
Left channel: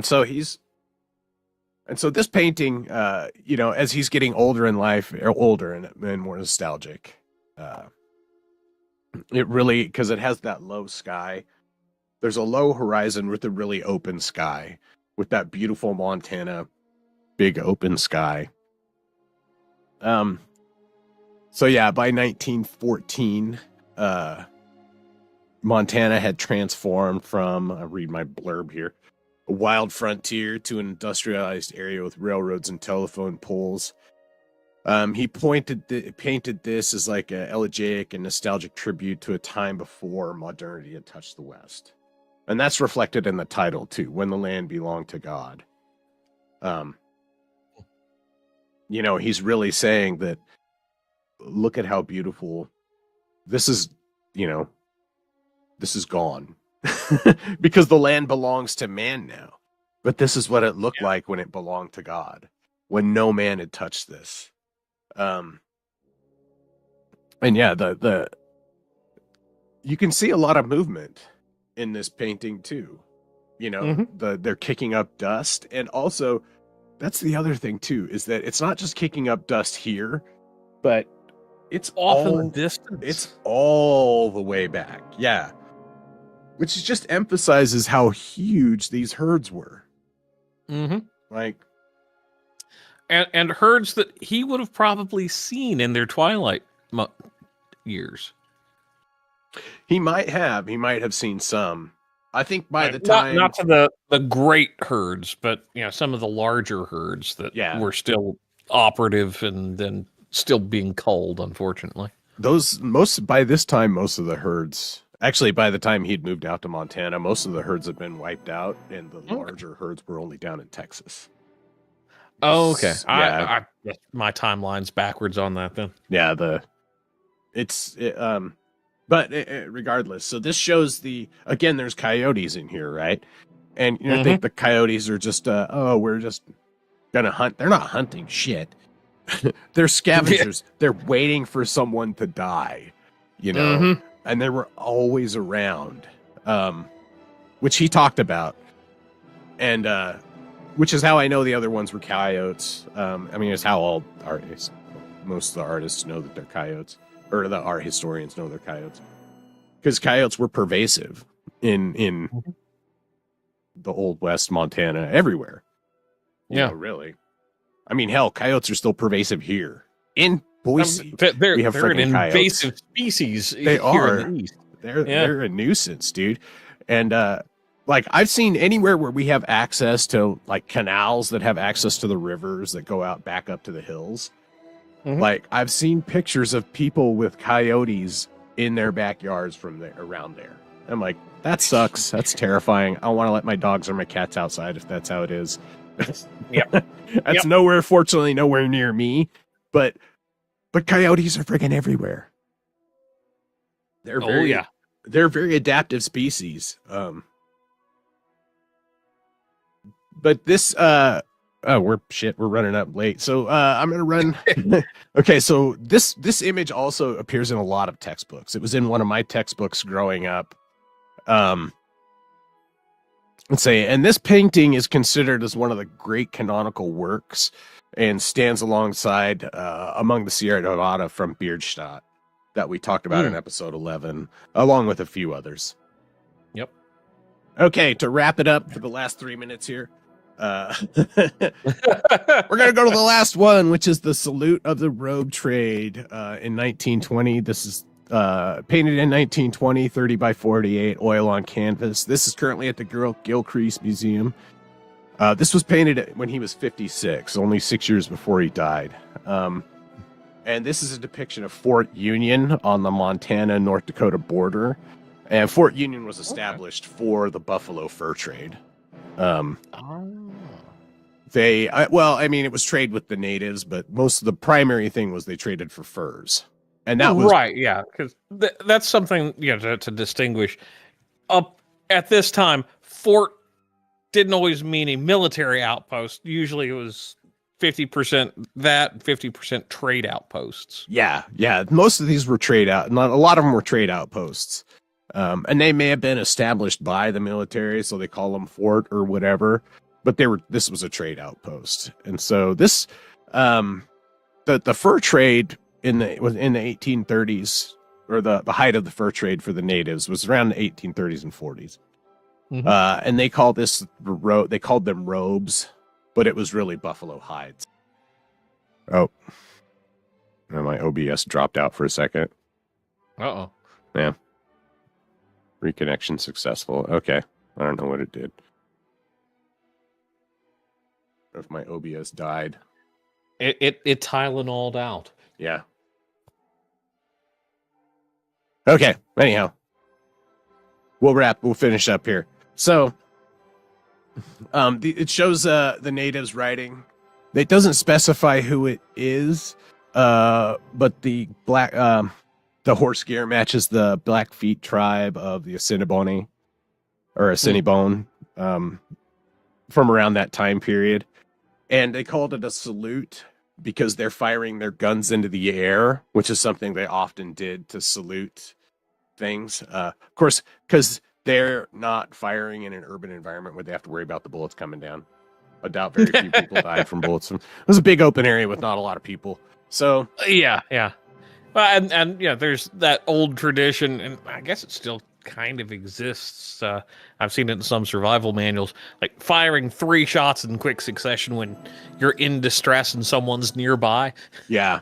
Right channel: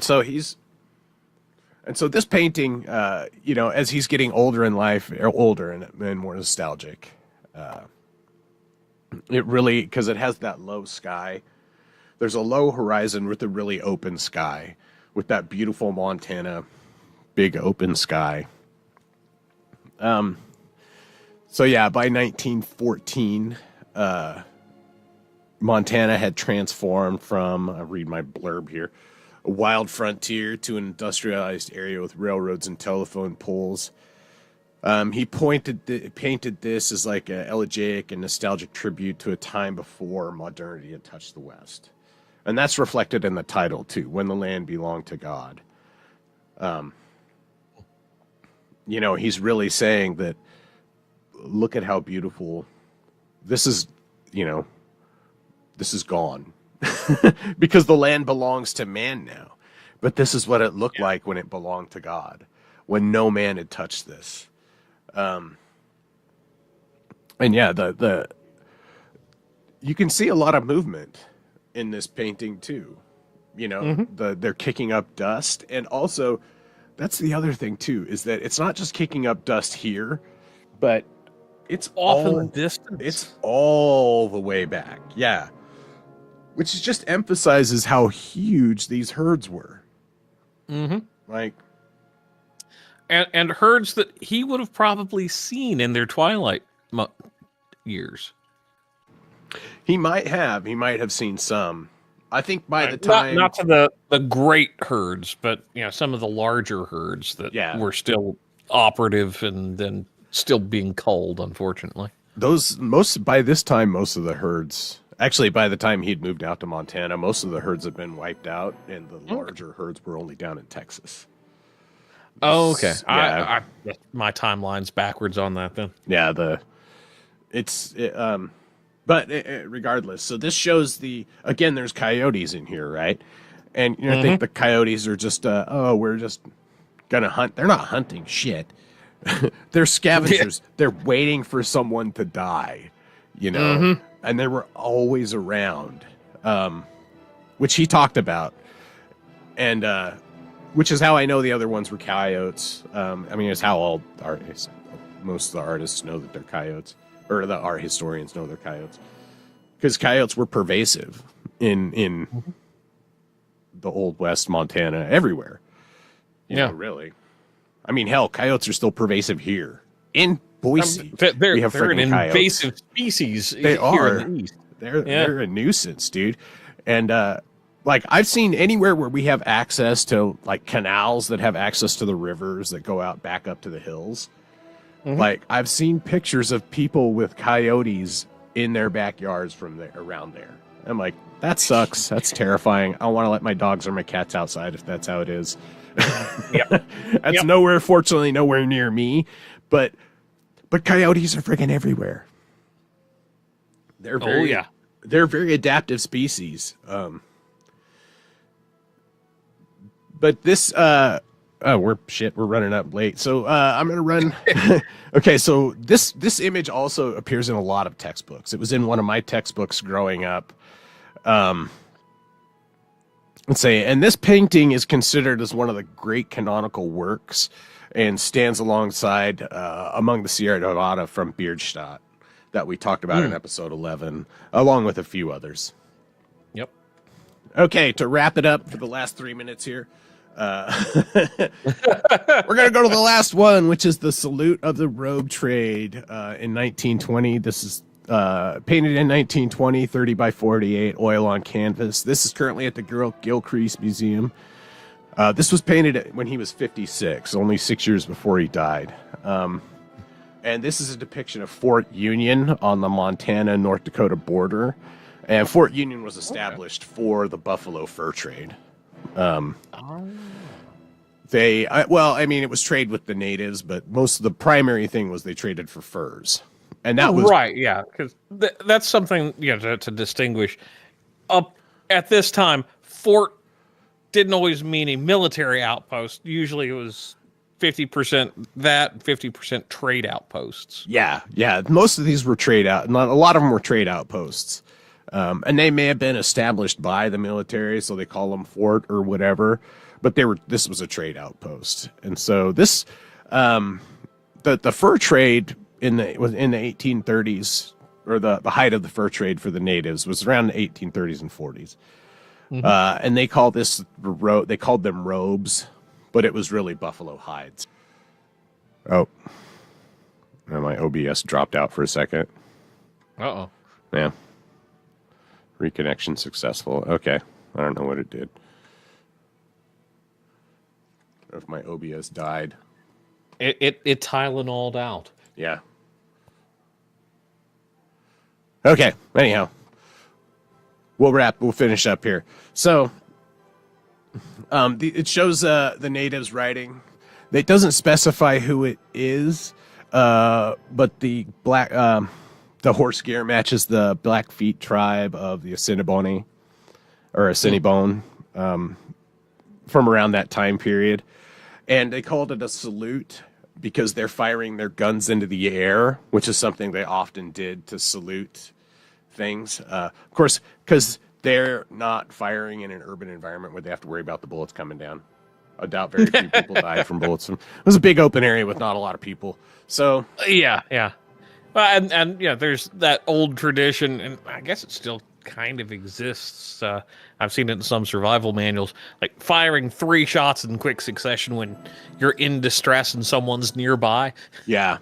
so this painting, you know, as he's getting older in life, or older and more nostalgic, it really, because it has that low sky. There's a low horizon with a really open sky, with that beautiful Montana big open sky. So yeah, by 1914, Montana had transformed from, I'll read my blurb here, a wild frontier to an industrialized area with railroads and telephone poles. He painted this as like an elegiac and nostalgic tribute to a time before modernity had touched the West. And that's reflected in the title too, When the Land Belonged to God. You know, he's really saying that, look at how beautiful this is, you know, this is gone. Because the land belongs to man now. But this is what it looked like when it belonged to God, when no man had touched this. And yeah, you can see a lot of movement in this painting too. You know, they're kicking up dust, and also that's the other thing too, is that it's not just kicking up dust here, but it's off in the distance. It's all the way back. Yeah. Which just emphasizes how huge these herds were. Like, and herds that he would have probably seen in their twilight years. He might have seen some, I think by the time not to the great herds, but some of the larger herds that were still operative and then still being culled, unfortunately. By this time, most of the herds, actually by the time he'd moved out to Montana, most of the herds had been wiped out, and the larger herds were only down in Texas. Oh, okay. I my timeline's backwards on that then. Yeah, but regardless, so this shows again, there's coyotes in here, right? And I think the coyotes are just, we're just gonna hunt. They're not hunting shit. They're scavengers. They're waiting for someone to die, and they were always around, which he talked about, and which is how I know the other ones were coyotes. It's how all artists, most of the artists know that they're coyotes, or the art historians know they're coyotes, because coyotes were pervasive in the Old West, Montana, everywhere. Really. Hell, coyotes are still pervasive here in Boise. They're an invasive species here in the East. They're a nuisance, dude. And I've seen anywhere where we have access to canals that have access to the rivers that go out back up to the hills. I've seen pictures of people with coyotes in their backyards around there. And I'm like, that sucks. That's terrifying. I want to let my dogs or my cats outside if that's how it is. That's fortunately nowhere near me, but coyotes are friggin' everywhere. They're very adaptive species. But this we're running up late, so I'm gonna run. Okay, so this image also appears in a lot of textbooks. It was in one of my textbooks growing up. And this painting is considered as one of the great canonical works and stands alongside among the Sierra Nevada from Beardstadt that we talked about in episode 11, along with a few others. Yep. Okay, to wrap it up for the last 3 minutes here, we're going to go to the last one, which is the Salute of the Robe Trade in 1920. This is painted in 1920, 30 by 48, oil on canvas. This is currently at the Gilcrease Museum. This was painted when he was 56, only 6 years before he died. And this is a depiction of Fort Union on the Montana-North Dakota border. And Fort Union was established for the buffalo fur trade. It was trade with the natives, but most of the primary thing was they traded for furs. And that was right, yeah, because that's something to distinguish. Up at this time, fort didn't always mean a military outpost. Usually, it was 50% that, 50% trade outposts. Yeah. Most of these were trade out, and a lot of them were trade outposts. And they may have been established by the military, so they call them fort or whatever. But this was a trade outpost, and so this, the fur trade in the 1830s, or the height of the fur trade for the natives was around the 1830s and 40s. And they called them robes, but it was really buffalo hides. Oh, now my OBS dropped out for a second. Uh-oh. Yeah. Reconnection successful. Okay. I don't know what it did. Or if my OBS died. It Tylenol'd out. Yeah. Okay. Anyhow. We'll finish up here. So, it shows the natives writing. It doesn't specify who it is, but the horse gear matches the Blackfeet tribe of the Assiniboine, from around that time period. And they called it a salute because they're firing their guns into the air, which is something they often did to salute things. Of course, because they're not firing in an urban environment where they have to worry about the bullets coming down. I doubt very few people died from bullets. It was a big open area with not a lot of people. So yeah. And there's that old tradition, and I guess it still kind of exists. I've seen it in some survival manuals, like firing 3 shots in quick succession when you're in distress and someone's nearby. Yeah.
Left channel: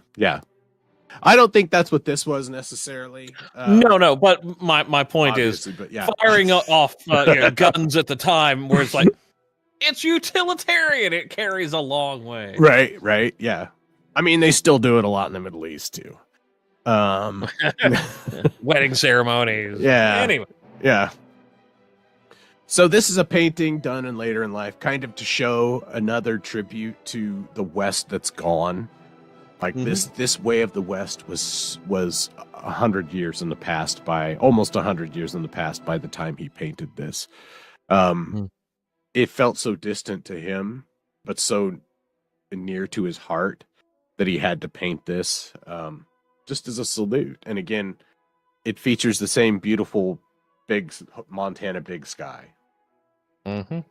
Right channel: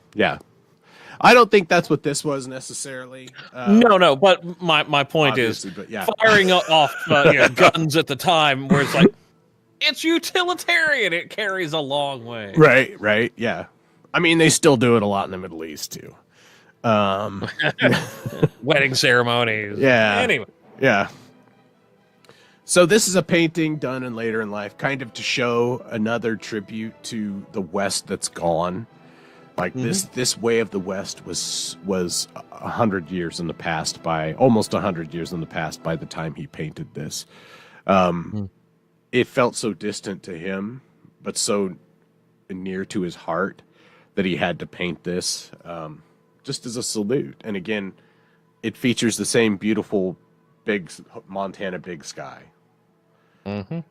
I don't think that's what this was necessarily. No, but my point is Obviously, but yeah. firing off guns at the time, where it's like it's utilitarian. It carries a long way. Right, yeah. I mean, they still do it a lot in the Middle East too. Wedding ceremonies. Yeah. Anyway. Yeah. So this is a painting done later in life, kind of to show another tribute to the West that's gone. Like this way of the West was 100 years in the past almost 100 years in the past by the time he painted this. It felt so distant to him, but so near to his heart that he had to paint this just as a salute. And again, it features the same beautiful big Montana big sky. And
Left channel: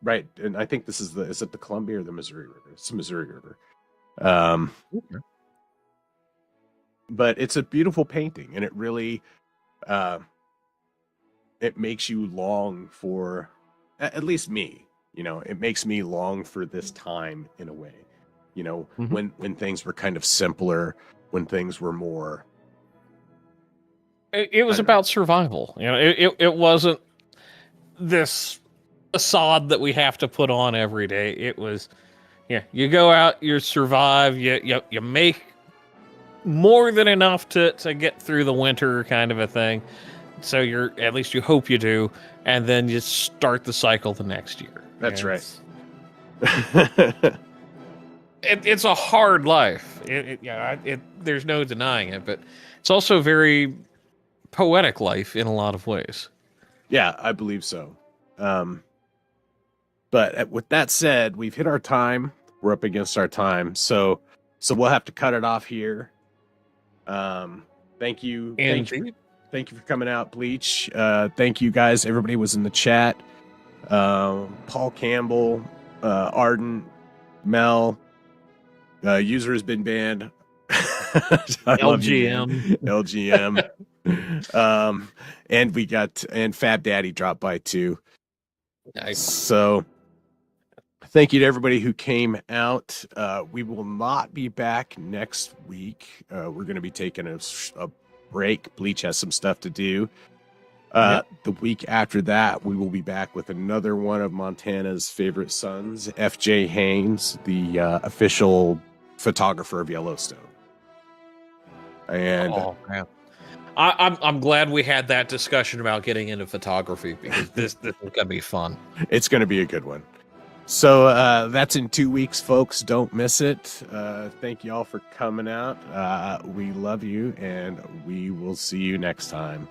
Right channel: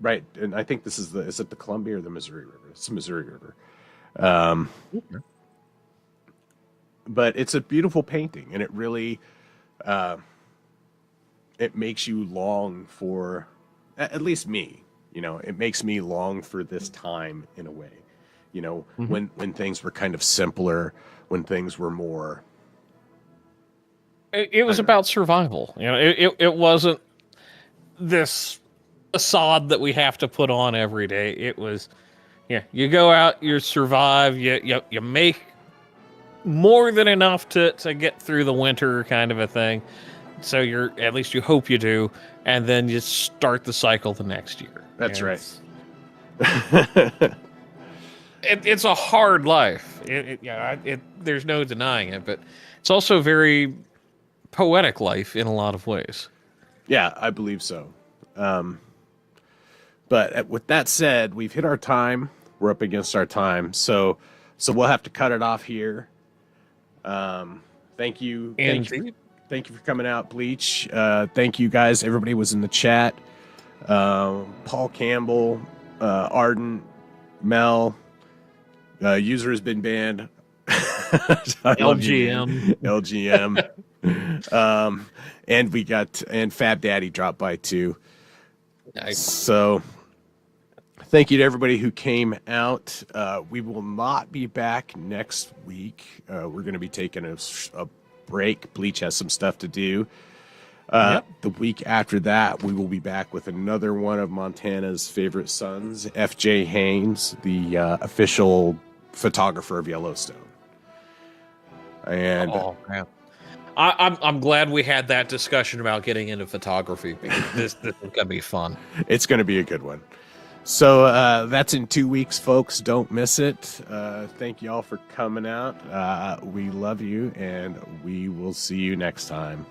right, and I think this is it the Columbia or the Missouri River? It's the Missouri River. But it's a beautiful painting, and it really it makes you long for, at least me, it makes me long for this time in a way. When things were kind of simpler, when things were more. It was about survival. It wasn't this facade that we have to put on every day. It was, you go out, you survive, you make more than enough to get through the winter, kind of a thing. So at least you hope you do, and then you start the cycle the next year. That's right. It's a hard life. There's no denying it, but it's also a very poetic life in a lot of ways. Yeah, I believe so. But with that said, we've hit our time. We're up against our time, so we'll have to cut it off here. Thank you. Thank you for coming out, Bleach. Thank you guys. Everybody was in the chat. Paul Campbell, Arden, Mel. User has been banned. LGM. And Fab Daddy dropped by too. Nice. So thank you to everybody who came out. We will not be back next week. We're going to be taking a break. Bleach has some stuff to do. The week after that, we will be back with another one of Montana's favorite sons, F.J. Haynes, the official photographer of Yellowstone. And man. I'm glad we had that discussion about getting into photography, because this is going to be fun. It's going to be a good one. So that's in 2 weeks, folks. Don't miss it. Thank you all for coming out. We love you, and we will see you next time.